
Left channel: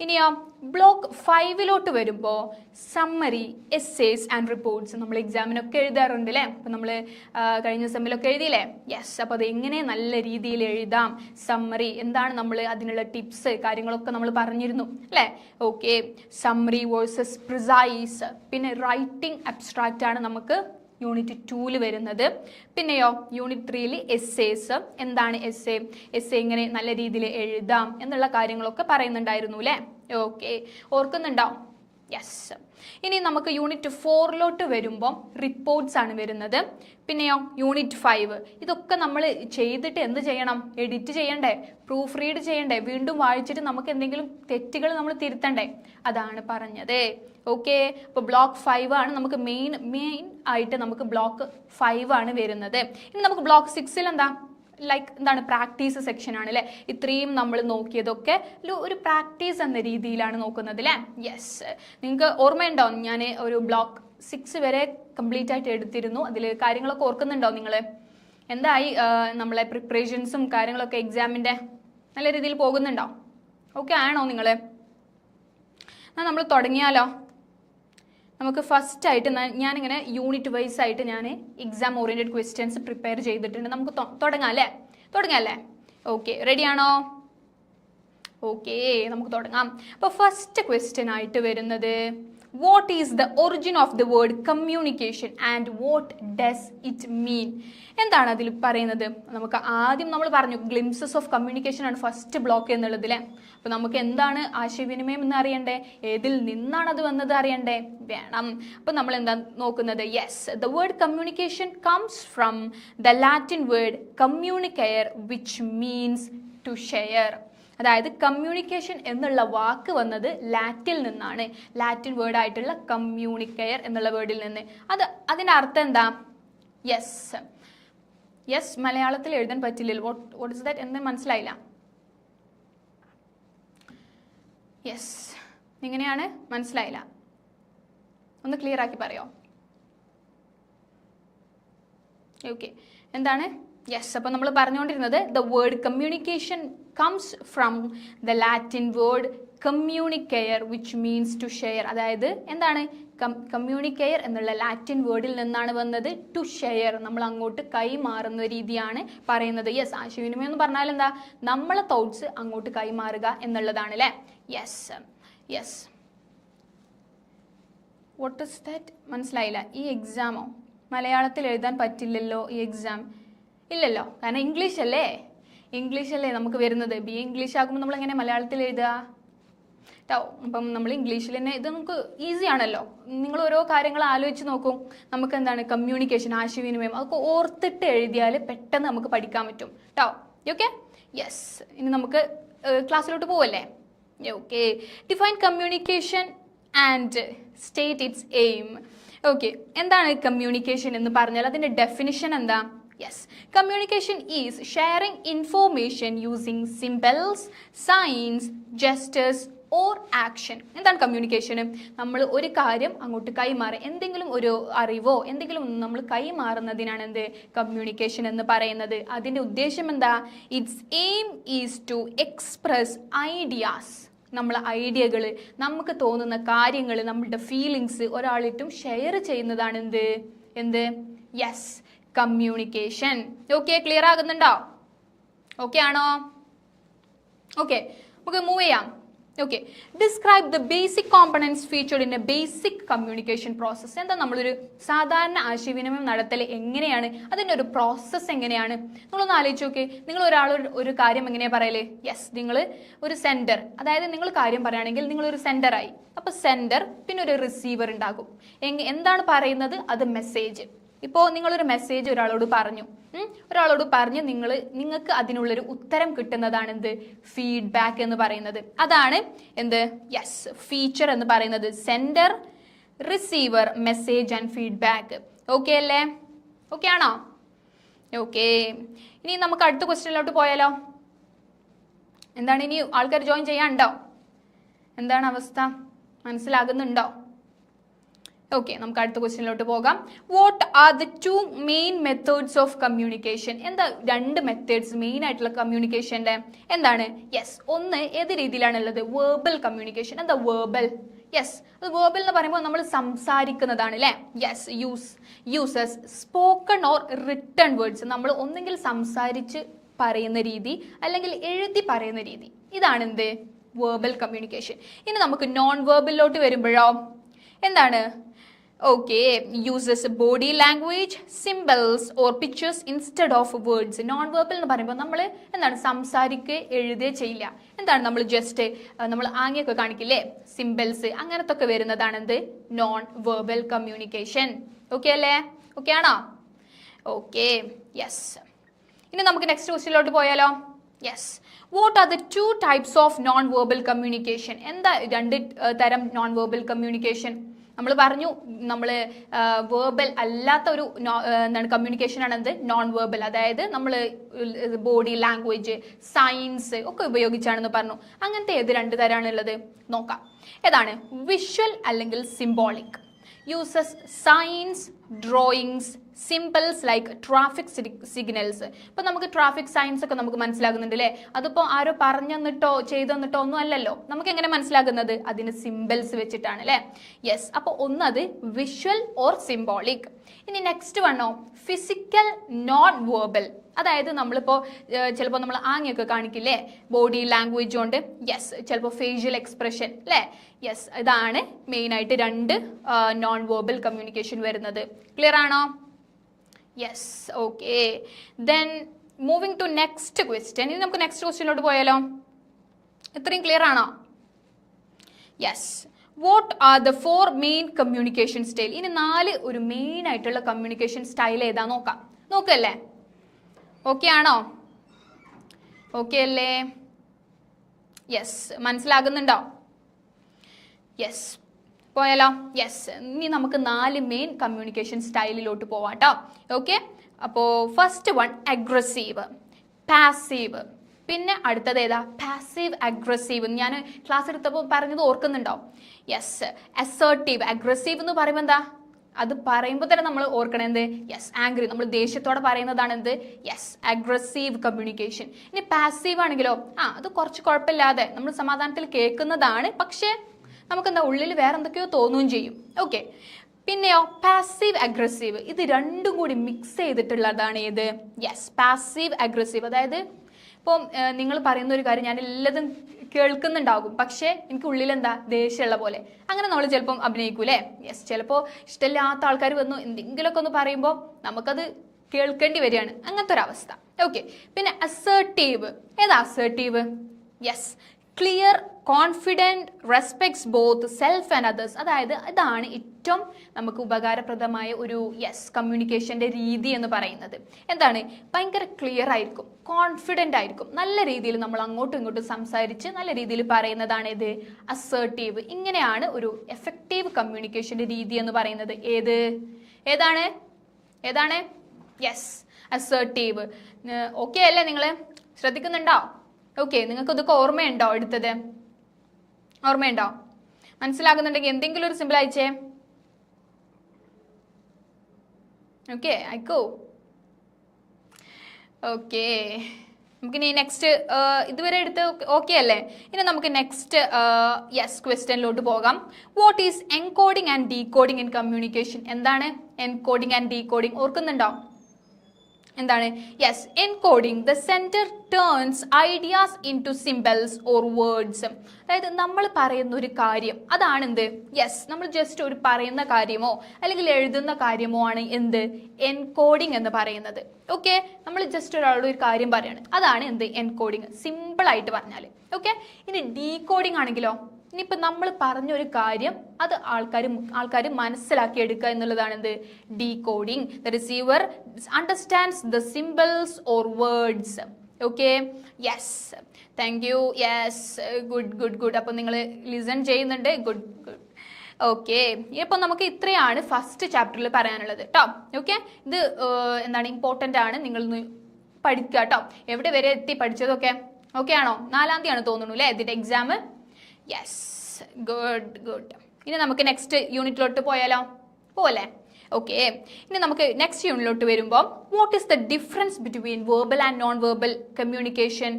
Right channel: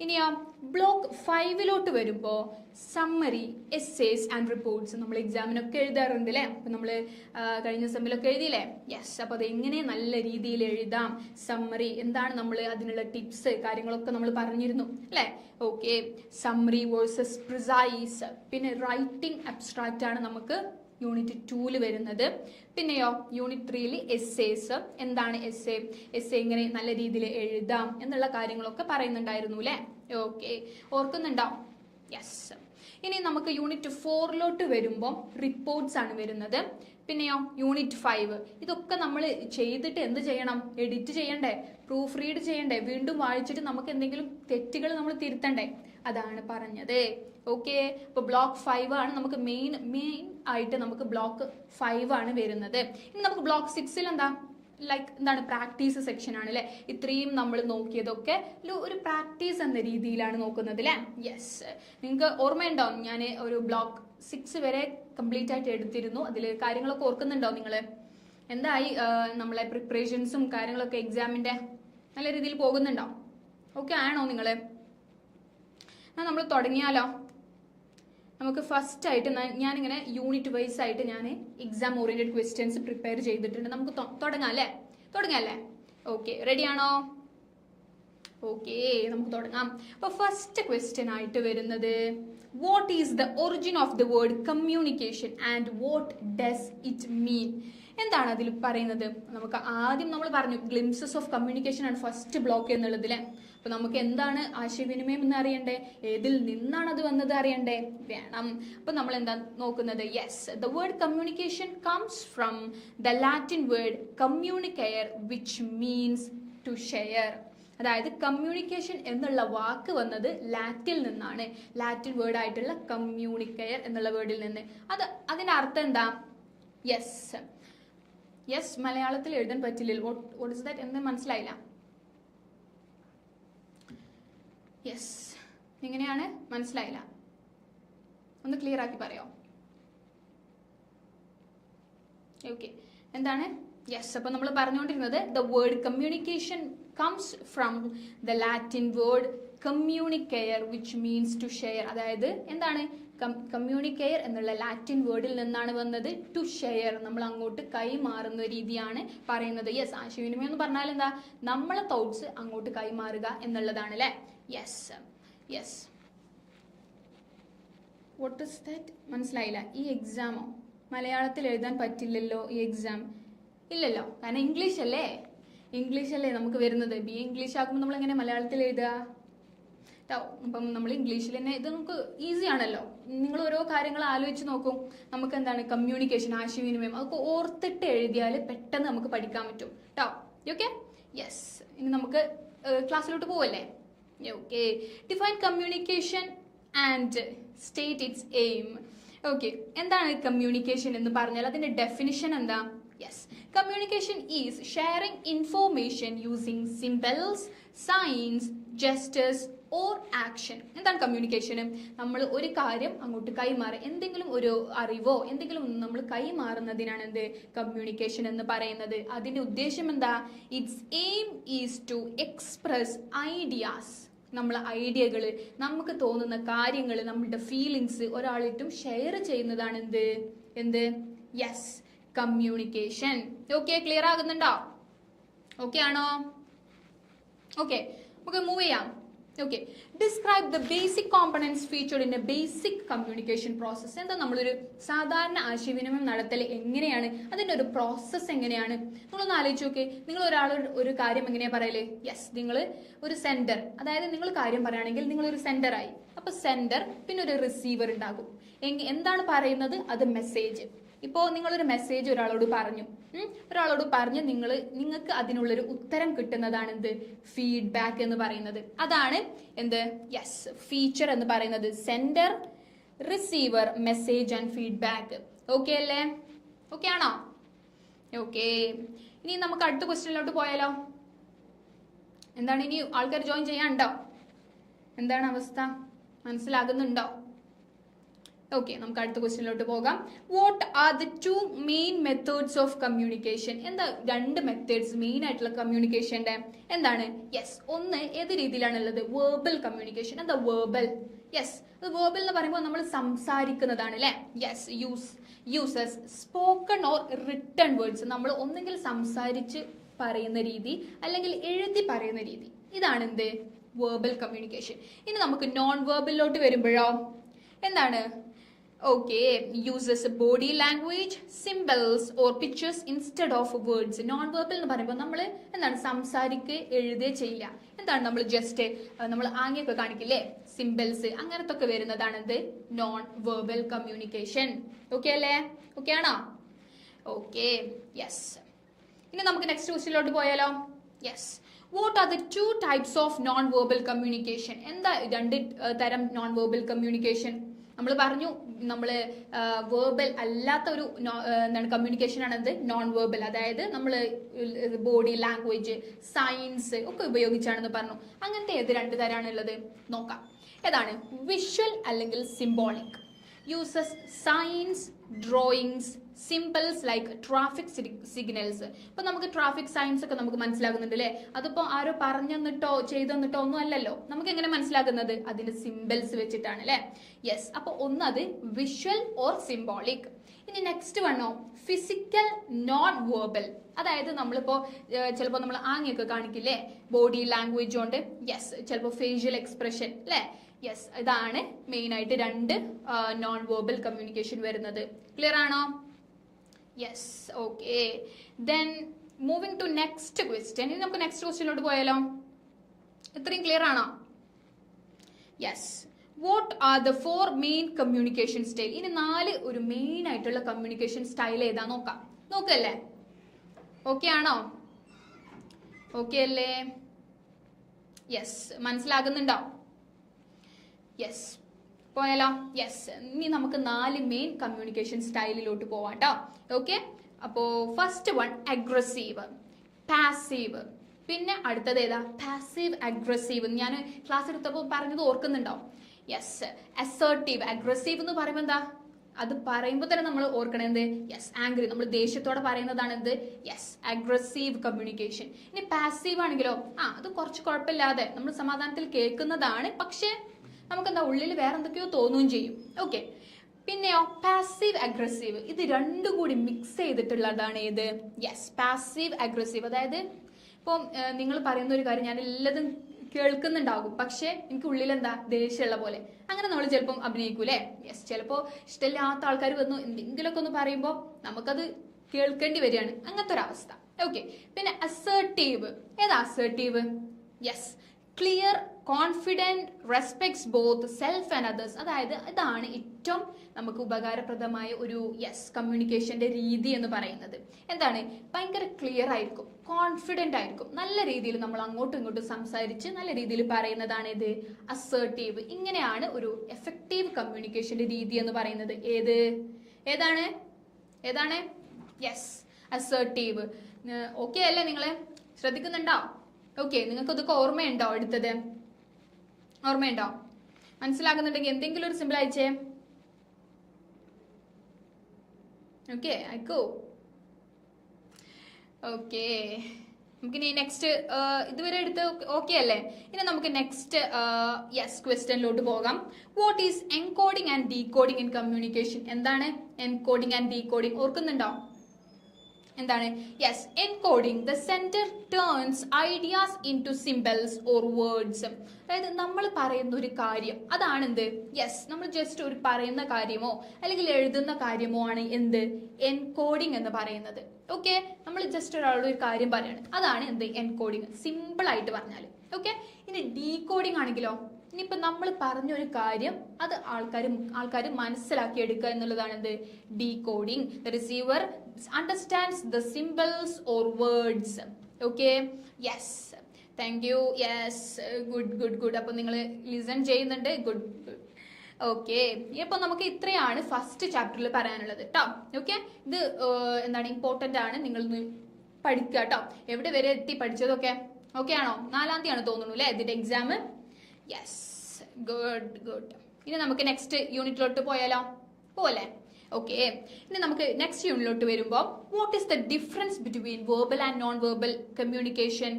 ഇനിയോ ബ്ലോക്ക് ഫൈവിലോട്ട് വരുമ്പോൾ സമ്മറി എസ്സേസ് ആൻഡ് റിപ്പോർട്ട്സ് നമ്മൾ എക്സാമിനൊക്കെ എഴുതാറുണ്ട് അല്ലേ അപ്പം നമ്മൾ കഴിഞ്ഞ സെമ്മിലൊക്കെ എഴുതിയില്ലേ? യെസ് അപ്പോൾ അത് എങ്ങനെ നല്ല രീതിയിൽ എഴുതാം? സമ്മറി എന്താണ് നമ്മൾ അതിനുള്ള ടിപ്സ് കാര്യങ്ങളൊക്കെ നമ്മൾ പറഞ്ഞിരുന്നു അല്ലേ? ഓക്കെ സമ്മറി വേഴ്സസ് പ്രിസൈസ് പിന്നെ റൈറ്റിംഗ് അബ്സ്ട്രാക്റ്റ് ആണ് നമുക്ക് യൂണിറ്റ് ടൂവിൽ വരുന്നത്. പിന്നെയോ യൂണിറ്റ് ത്രീയിൽ എസ്സേസ് എന്താണ് എസ് എ എസ് നല്ല രീതിയിൽ എഴുതാം എന്നുള്ള കാര്യങ്ങളൊക്കെ പറയുന്നുണ്ടായിരുന്നു അല്ലേ? ഓക്കെ ഓർക്കുന്നുണ്ടോ? യെസ് ഇനി നമുക്ക് യൂണിറ്റ് ഫോറിലോട്ട് വരുമ്പം റിപ്പോർട്ട്സ് ആണ് വരുന്നത്. പിന്നെയോ യൂണിറ്റ് ഫൈവ് ഇതൊക്കെ നമ്മൾ ചെയ്തിട്ട് എന്ത് ചെയ്യണം? എഡിറ്റ് ചെയ്യണ്ടേ? പ്രൂഫ് റീഡ് ചെയ്യണ്ടേ? വീണ്ടും വായിച്ചിട്ട് നമുക്ക് എന്തെങ്കിലും തെറ്റുകൾ നമ്മൾ തിരുത്തണ്ടേ? അതാണ് പറഞ്ഞത്. ഓക്കെ അപ്പോൾ ബ്ലോക്ക് ഫൈവ് ആണ് നമുക്ക് മെയിൻ മെയിൻ ആയിട്ട് നമുക്ക് ബ്ലോക്ക് ഫൈവ് ആണ് വരുന്നത്. ഇനി നമുക്ക് ബ്ലോക്ക് സിക്സിൽ എന്താ? ലൈക്ക് എന്താണ് പ്രാക്ടീസ് സെക്ഷൻ ആണ് അല്ലേ ഇത്രയും നമ്മൾ നോക്കിയതൊക്കെ ഒരു- പ്രാക്ടീസ് എന്ന രീതിയിലാണ് നോക്കുന്നത് അല്ലേ യെസ് നിങ്ങൾക്ക് ഓർമ്മയുണ്ടോ? ഞാൻ ഒരു ബ്ലോക്ക് സിക്സ് വരെ കംപ്ലീറ്റ് ആയിട്ട് എടുത്തിരുന്നു. അതിൽ കാര്യങ്ങളൊക്കെ ഓർക്കുന്നുണ്ടോ നിങ്ങൾ എന്തായി? നമ്മളെ പ്രിപ്പറേഷൻസും കാര്യങ്ങളൊക്കെ എക്സാമിന്റെ നല്ല രീതിയിൽ പോകുന്നുണ്ടോ? ഓക്കെ ആണോ നിങ്ങൾ എന്നാൽ നമ്മൾ തുടങ്ങിയാലോ? നമുക്ക് ഫസ്റ്റ് ആയിട്ട് ഞാനിങ്ങനെ യൂണിറ്റ് വൈസ് ആയിട്ട് ഞാൻ എക്സാം ഓറിയന്റഡ് ക്വസ്റ്റ്യൻസ് പ്രിപ്പയർ ചെയ്തിട്ടുണ്ട്. നമുക്ക് തുടങ്ങാം അല്ലേ? തുടങ്ങാം അല്ലേ? ഓക്കെ റെഡി ആണോ? ഓക്കെ നമുക്ക് തുടങ്ങാം. അപ്പോൾ ഫസ്റ്റ് ക്വസ്റ്റ്യൻ ആയിട്ട് വരുന്നത് what is the origin of the word communication and what does it mean എന്താണ് അതിൽ പറയുന്നത്? നമുക്ക് ആദ്യം നമ്മൾ പറഞ്ഞു ഗ്ലിംസസ് ഓഫ് കമ്മ്യൂണിക്കേഷൻ ആണ് ഫസ്റ്റ് ബ്ലോക്ക് എന്നുള്ളത് അപ്പൊ നമുക്ക് എന്താണ് ആശയവിനിമയം എന്ന് അറിയണ്ടേ? ഏതിൽ നിന്നാണ് അത് വന്നത് അറിയണ്ടേ? വേണം. അപ്പൊ നമ്മൾ എന്താ നോക്കുന്നത്? Yes the word communication comes from the Latin word communicare which means to share അതായത് കമ്മ്യൂണിക്കേഷൻ എന്നുള്ള വാക്ക് വന്നത് ലാറ്റിൽ നിന്നാണ്. ലാറ്റിൻ വേർഡ് ആയിട്ടുള്ള കമ്മ്യൂണിക്കയർ എന്നുള്ള വേർഡിൽ നിന്ന്. അത് അതിന്റെ അർത്ഥം എന്താ? യെസ് യെസ് മലയാളത്തിൽ എഴുതാൻ പറ്റില്ല വോട്ട് ഇസ് ദാറ്റ് എന്ന് മനസ്സിലായില്ല. യെസ് എങ്ങനെയാണ്? മനസ്സിലായില്ല. ഒന്ന് ക്ലിയർ ആക്കി പറയോ? ഓക്കെ എന്താണ്? യെസ് അപ്പോൾ നമ്മൾ പറഞ്ഞുകൊണ്ടിരുന്നത് the word communication comes from the Latin word communicare which means to share അതായത് എന്താണ്? കമ്മ്യൂണിക്കെയർ എന്നുള്ള ലാറ്റിൻ വേർഡിൽ നിന്നാണ് വന്നത് ടു ഷെയർ നമ്മൾ അങ്ങോട്ട് കൈമാറുന്ന രീതിയാണ് പറയുന്നത്. യെസ് ആശയവിനിമയം എന്ന് പറഞ്ഞാൽ എന്താ? നമ്മളെ തോട്ട്സ് അങ്ങോട്ട് കൈമാറുക എന്നുള്ളതാണ് അല്ലേ yes yes what is that മനസ്സിലായില്ല. ഈ എക്സാമോ മലയാളത്തിൽ എഴുതാൻ പറ്റില്ലല്ലോ ഈ എക്സാം ഇല്ലല്ലോ. കാരണം ഇംഗ്ലീഷ് അല്ലേ? ഇംഗ്ലീഷ് അല്ലേ നമുക്ക് വരുന്നത്? ബി ഇംഗ്ലീഷ് ആകുമ്പോൾ നമ്മൾ എങ്ങനെ മലയാളത്തിൽ എഴുതുക അപ്പം നമ്മൾ ഇംഗ്ലീഷിൽ തന്നെ ഇത് നമുക്ക് ഈസി ആണല്ലോ. നിങ്ങൾ ഓരോ കാര്യങ്ങൾ ആലോചിച്ച് നോക്കും. നമുക്ക് എന്താണ്? കമ്മ്യൂണിക്കേഷൻ ആശയവിനിമയം അതൊക്കെ ഓർത്തിട്ട് എഴുതിയാൽ പെട്ടെന്ന് നമുക്ക് പഠിക്കാൻ പറ്റും. കേട്ടോ ഓക്കെ യെസ് ഇനി നമുക്ക് ക്ലാസ്സിലോട്ട് പോവല്ലേ? Okay define communication and state its aim okay എന്താണ് കമ്മ്യൂണിക്കേഷൻ എന്ന് പറഞ്ഞാൽ അതിന്റെ ഡെഫിനിഷൻ എന്താ? Yes communication is sharing information using symbols signs gestures or action എന്താണ് കമ്മ്യൂണിക്കേഷൻ നമ്മൾ ഒരു കാര്യം അങ്ങോട്ട് കൈമാറുക എന്തെങ്കിലും ഒരു അറിവോ എന്തെങ്കിലും നമ്മൾ കൈമാറുന്നതിനാണ് എന്ത്? കമ്മ്യൂണിക്കേഷൻ എന്ന് പറയുന്നത്. അതിന്റെ ഉദ്ദേശം എന്താ? Its aim is to express ideas നമ്മളെ ഐഡിയകൾ നമുക്ക് തോന്നുന്ന കാര്യങ്ങൾ നമ്മളുടെ ഫീലിങ്സ് ഒരാളിട്ടും ഷെയർ ചെയ്യുന്നതാണ് എന്ത്? എന്ത്? യെസ് കമ്മ്യൂണിക്കേഷൻ ഓക്കെ ക്ലിയർ ആകുന്നുണ്ടോ? ഓക്കെ ആണോ? ഓക്കെ നമുക്ക് മൂവ് ചെയ്യാം. Okay describe the basic components featured in a basic communication process എന്താ നമ്മളൊരു സാധാരണ ആശയവിനിമയം നടത്തൽ എങ്ങനെയാണ്? അതിന്റെ ഒരു പ്രോസസ്സ് എങ്ങനെയാണ്? നിങ്ങളൊന്ന് ആലോചിച്ച് നോക്കി. നിങ്ങൾ ഒരാൾ ഒരു കാര്യം എങ്ങനെയാണ് പറയൽ? യെസ് നിങ്ങൾ ഒരു സെന്റർ അതായത് നിങ്ങൾ കാര്യം പറയുകയാണെങ്കിൽ നിങ്ങളൊരു സെന്ററായി അപ്പോൾ സെന്റർ പിന്നെ ഒരു റിസീവർ ഉണ്ടാകും. എന്താണ് പറയുന്നത്? അത് മെസ്സേജ് ഇപ്പോൾ നിങ്ങളൊരു മെസ്സേജ് ഒരാളോട് പറഞ്ഞു. ഒരാളോട് പറഞ്ഞ് നിങ്ങൾ നിങ്ങൾക്ക് അതിനുള്ളൊരു ഉത്തരം കിട്ടുന്നതാണ് എന്ത് ഫീഡ്ബാക്ക് എന്ന് പറയുന്നത്. അതാണ് എന്ത്? യെസ് ഫീച്ചർ എന്ന് പറയുന്നത്. Sender receiver message and feedback okay അല്ലേ? ഓക്കെ ആണോ? ഓക്കെ ഇനി നമുക്ക് അടുത്ത ക്വസ്റ്റ്യനിലോട്ട് പോയാലോ? എന്താണ് ഇനി ആൾക്കാർ ജോയിൻ ചെയ്യാനുണ്ടോ? എന്താണ് അവസ്ഥ? മനസ്സിലാകുന്നുണ്ടോ? ഓക്കെ നമുക്ക് അടുത്ത ക്വസ്റ്റ്യനിലോട്ട് പോകാം. What are the two main methods of communication എന്താ രണ്ട് മെത്തേഡ്സ് മെയിൻ ആയിട്ടുള്ള കമ്മ്യൂണിക്കേഷന്റെ എന്താണ്? യെസ് ഒന്ന് ഏത് രീതിയിലാണുള്ളത്? വേർബൽ കമ്മ്യൂണിക്കേഷൻ എന്താ വേർബൽ യെസ് അത് വേർബൽ എന്ന് പറയുമ്പോൾ നമ്മൾ സംസാരിക്കുന്നതാണ് അല്ലേ yes use uses spoken or written words നമ്മൾ ഒന്നെങ്കിൽ സംസാരിച്ച് പറയുന്ന രീതി അല്ലെങ്കിൽ എഴുതി പറയുന്ന രീതി. ഇതാണ് എന്ത്? വേർബൽ കമ്മ്യൂണിക്കേഷൻ ഇനി നമുക്ക് നോൺ വേർബലിലോട്ട് വരുമ്പോഴോ? എന്താണ്? Okay uses body language symbols or pictures instead of words non verbal എന്ന് പറയുമ്പോൾ നമ്മൾ എന്താണ് സംസാരിക്കുക എഴുതുക ചെയ്യില്ല എന്താണ് നമ്മൾ ജസ്റ്റ് നമ്മൾ ആംഗ്യമൊക്കെ കാണിക്കില്ലേ? സിമ്പിൾസ് അങ്ങനത്തെ ഒക്കെ വരുന്നതാണ് എന്ത്? നോൺ വേർബൽ കമ്മ്യൂണിക്കേഷൻ ഓക്കെ അല്ലേ? ഓക്കെ ആണോ? ഓക്കെ യെസ് ഇനി നമുക്ക് നെക്സ്റ്റ് ക്വസ്റ്റിലോട്ട് പോയാലോ? Yes what are the two types of non verbal communication എന്താ രണ്ട് തരം നോൺ വേർബൽ കമ്മ്യൂണിക്കേഷൻ നമ്മൾ പറഞ്ഞു നമ്മൾ വേർബൽ അല്ലാത്ത ഒരു എന്താണ് കമ്മ്യൂണിക്കേഷൻ ആണ് എന്ത് നോൺ വേർബൽ അതായത് നമ്മൾ ബോഡി ലാംഗ്വേജ് സയൻസ് ഒക്കെ ഉപയോഗിച്ചാണെന്ന് പറഞ്ഞു. അങ്ങനത്തെ ഏത് രണ്ട് തരമാണുള്ളത് നോക്കാം. ഏതാണ്? വിഷ്വൽ അല്ലെങ്കിൽ symbolic uses signs drawings symbols like traffic signals ഇപ്പൊ നമുക്ക് ട്രാഫിക് സയൻസ് ഒക്കെ നമുക്ക് മനസ്സിലാകുന്നുണ്ട് അല്ലേ അതിപ്പോ ആരോ പറഞ്ഞെന്നിട്ടോ ചെയ്തെന്നിട്ടോ ഒന്നും അല്ലല്ലോ. നമുക്ക് എങ്ങനെ മനസ്സിലാകുന്നത്? അതിന് സിമ്പിൾസ് വെച്ചിട്ടാണ് അല്ലേ യെസ് അപ്പോൾ ഒന്നത് വിഷ്വൽ ഓർ സിംബോളിക് ഇനി നെക്സ്റ്റ് വണ്ണോ? ഫിസിക്കൽ നോൺ വേർബൽ അതായത് നമ്മളിപ്പോൾ ചിലപ്പോൾ നമ്മൾ ആംഗ്യമൊക്കെ കാണിക്കില്ലേ? ബോഡി ലാംഗ്വേജ് കൊണ്ട് യെസ് ചിലപ്പോൾ ഫേഷ്യൽ എക്സ്പ്രഷൻ അല്ലേ യെസ് ഇതാണ് മെയിനായിട്ട് രണ്ട് നോൺ വേർബൽ കമ്മ്യൂണിക്കേഷൻ വരുന്നത്. ക്ലിയർ ആണോ? Yes okay then moving to next question ഇനി നമുക്ക് നെക്സ്റ്റ് ക്വസ്റ്റ്യനിലോട്ട് പോയാലോ? ഇത്രയും ക്ലിയർ ആണോ? Yes what are the four main communication style ഇനി നാല് ഒരു മെയിൻ ആയിട്ടുള്ള കമ്മ്യൂണിക്കേഷൻ സ്റ്റൈൽ ഏതാ നോക്കാം. നോക്കല്ലേ? ഓക്കെ ആണോ? ഓക്കെ അല്ലേ? യെസ് മനസ്സിലാകുന്നുണ്ടോ? യെസ് പോയാലോ? യെസ് ഇനി നമുക്ക് നാല് മെയിൻ കമ്മ്യൂണിക്കേഷൻ സ്റ്റൈലിലോട്ട് പോവാട്ടോ. ഓക്കെ അപ്പോൾ ഫസ്റ്റ് വൺ അഗ്രസീവ് പാസീവ് പിന്നെ അടുത്തത് ഏതാ? പാസീവ് അഗ്രസീവ് ഞാൻ ക്ലാസ് എടുത്തപ്പോൾ പറഞ്ഞത് ഓർക്കുന്നുണ്ടോ? യെസ് അസേർട്ടീവ് അഗ്രസീവ് എന്ന് പറയുമ്പോൾ എന്താ? അത് പറയുമ്പോൾ തന്നെ നമ്മൾ ഓർക്കണം എന്ത്? യെസ് ആംഗ്രി നമ്മൾ ദേഷ്യത്തോടെ പറയുന്നതാണ് എന്ത്? യെസ് അഗ്രസീവ് കമ്മ്യൂണിക്കേഷൻ ഇനി പാസീവ് ആണെങ്കിലോ? ആ അത് കുറച്ച് കുഴപ്പമില്ലാതെ നമ്മൾ സമാധാനത്തിൽ കേൾക്കുന്നതാണ്. പക്ഷേ നമുക്ക് എന്താ ഉള്ളിൽ വേറെ എന്തൊക്കെയോ തോന്നുകയും ചെയ്യും. ഓക്കെ പിന്നെയോ പാസീവ് അഗ്രസീവ് ഇത് രണ്ടും കൂടി മിക്സ് ചെയ്തിട്ടുള്ളതാണ് ഏത്? യെസ് പാസീവ് അഗ്രസീവ് അതായത് ഇപ്പം നിങ്ങൾ പറയുന്ന ഒരു കാര്യം ഞാൻ എല്ലാതും കേൾക്കുന്നുണ്ടാകും. പക്ഷേ എനിക്ക് ഉള്ളിൽ എന്താ ദേഷ്യമുള്ള പോലെ. അങ്ങനെ നമ്മൾ ചിലപ്പം അഭിനയിക്കൂലേ യെസ് ചിലപ്പോൾ ഇഷ്ടമില്ലാത്ത ആൾക്കാർ വന്നു എന്തെങ്കിലുമൊക്കെ ഒന്ന് പറയുമ്പോൾ നമുക്കത് കേൾക്കേണ്ടി വരികയാണ്. അങ്ങനത്തെ ഒരു അവസ്ഥ. ഓക്കെ പിന്നെ അസേർട്ടീവ് ഏതാ assertive yes clear confident respects both self and others അതായത് ഇതാണ് ഏറ്റവും നമുക്ക് ഉപകാരപ്രദമായ ഒരു യെസ് കമ്മ്യൂണിക്കേഷന്റെ രീതി എന്ന് പറയുന്നത്. എന്താണ്? ഭയങ്കര ക്ലിയർ ആയിരിക്കും കോൺഫിഡന്റ് ആയിരിക്കും. നല്ല രീതിയിൽ നമ്മൾ അങ്ങോട്ടും ഇങ്ങോട്ടും സംസാരിച്ച് നല്ല രീതിയിൽ പറയുന്നതാണ് ഇത് അസേർട്ടീവ് ഇങ്ങനെയാണ് ഒരു എഫക്റ്റീവ് കമ്മ്യൂണിക്കേഷന്റെ രീതി എന്ന് പറയുന്നത്. ഏത്? ഏതാണ്? ഏതാണ്? യെസ് അസേർട്ടീവ് ഓക്കെ അല്ലേ നിങ്ങൾ ശ്രദ്ധിക്കുന്നുണ്ടോ? ഓക്കെ നിങ്ങൾക്ക് ഇതൊക്കെ ഓർമ്മയുണ്ടോ എടുത്തത്? ഓർമ്മയുണ്ടോ? മനസ്സിലാകുന്നുണ്ടെങ്കിൽ എന്തെങ്കിലും ഒരു സിമ്പിൾ അയച്ചേ. ഓക്കെ അയക്കോ. ഓക്കെ നമുക്കിനി നെക്സ്റ്റ് ഇതുവരെ എടുത്ത് ഓക്കെ അല്ലേ? ഇനി നമുക്ക് നെക്സ്റ്റ് യെസ് ക്വസ്റ്റ്യനിലോട്ട് പോകാം. What is encoding and decoding in communication എന്താണ് എൻകോഡിംഗ് ആൻഡ് ഡീകോഡിംഗ് ഓർക്കുന്നുണ്ടോ? എന്താണ്? Yes encoding the sender turns ideas into symbols or words അതായത് നമ്മൾ പറയുന്ന ഒരു കാര്യം അതാണ് എന്ത് യെസ് നമ്മൾ ജസ്റ്റ് ഒരു പറയുന്ന കാര്യമോ അല്ലെങ്കിൽ എഴുതുന്ന കാര്യമോ ആണ് എന്ത്? എൻകോഡിംഗ് എന്ന് പറയുന്നത്. ഓക്കെ നമ്മൾ ജസ്റ്റ് ഒരാളോട് ഒരു കാര്യം പറയാണ്. അതാണ് എന്ത്? എൻകോഡിംഗ് സിമ്പിൾ ആയിട്ട് പറഞ്ഞാൽ ഓക്കെ ഇനി ഡീകോഡിംഗ് ആണെങ്കിലോ? ഇനിയിപ്പോൾ നമ്മൾ പറഞ്ഞ ഒരു കാര്യം അത് ആൾക്കാർ ആൾക്കാർ മനസ്സിലാക്കി എടുക്കുക എന്നുള്ളതാണ് എന്ത് decoding the receiver understands the symbols or words okay yes thank you yes good good good അപ്പം നിങ്ങൾ ലിസൺ ചെയ്യുന്നുണ്ട്. ഗുഡ് ഗുഡ് ഓക്കെ ഇപ്പം നമുക്ക് ഇത്രയാണ് ഫസ്റ്റ് ചാപ്റ്ററിൽ പറയാനുള്ളത് കേട്ടോ ഓക്കെ ഇത് എന്താണ് ഇമ്പോർട്ടന്റ് ആണ്. നിങ്ങൾ പഠിക്കുക കേട്ടോ എവിടെ വരെ എത്തി പഠിച്ചതൊക്കെ? ഓക്കെ ആണോ? നാലാം തീയതി ആണ് തോന്നുന്നു അല്ലേ ഇതിന്റെ എക്സാം യെസ് ഗുഡ് ഗുഡ് ഇനി നമുക്ക് നെക്സ്റ്റ് യൂണിറ്റിലോട്ട് പോയാലോ? പോലെ ഓക്കെ ഇനി നമുക്ക് നെക്സ്റ്റ് യൂണിറ്റിലോട്ട് വരുമ്പോൾ what is the difference between verbal and non verbal communication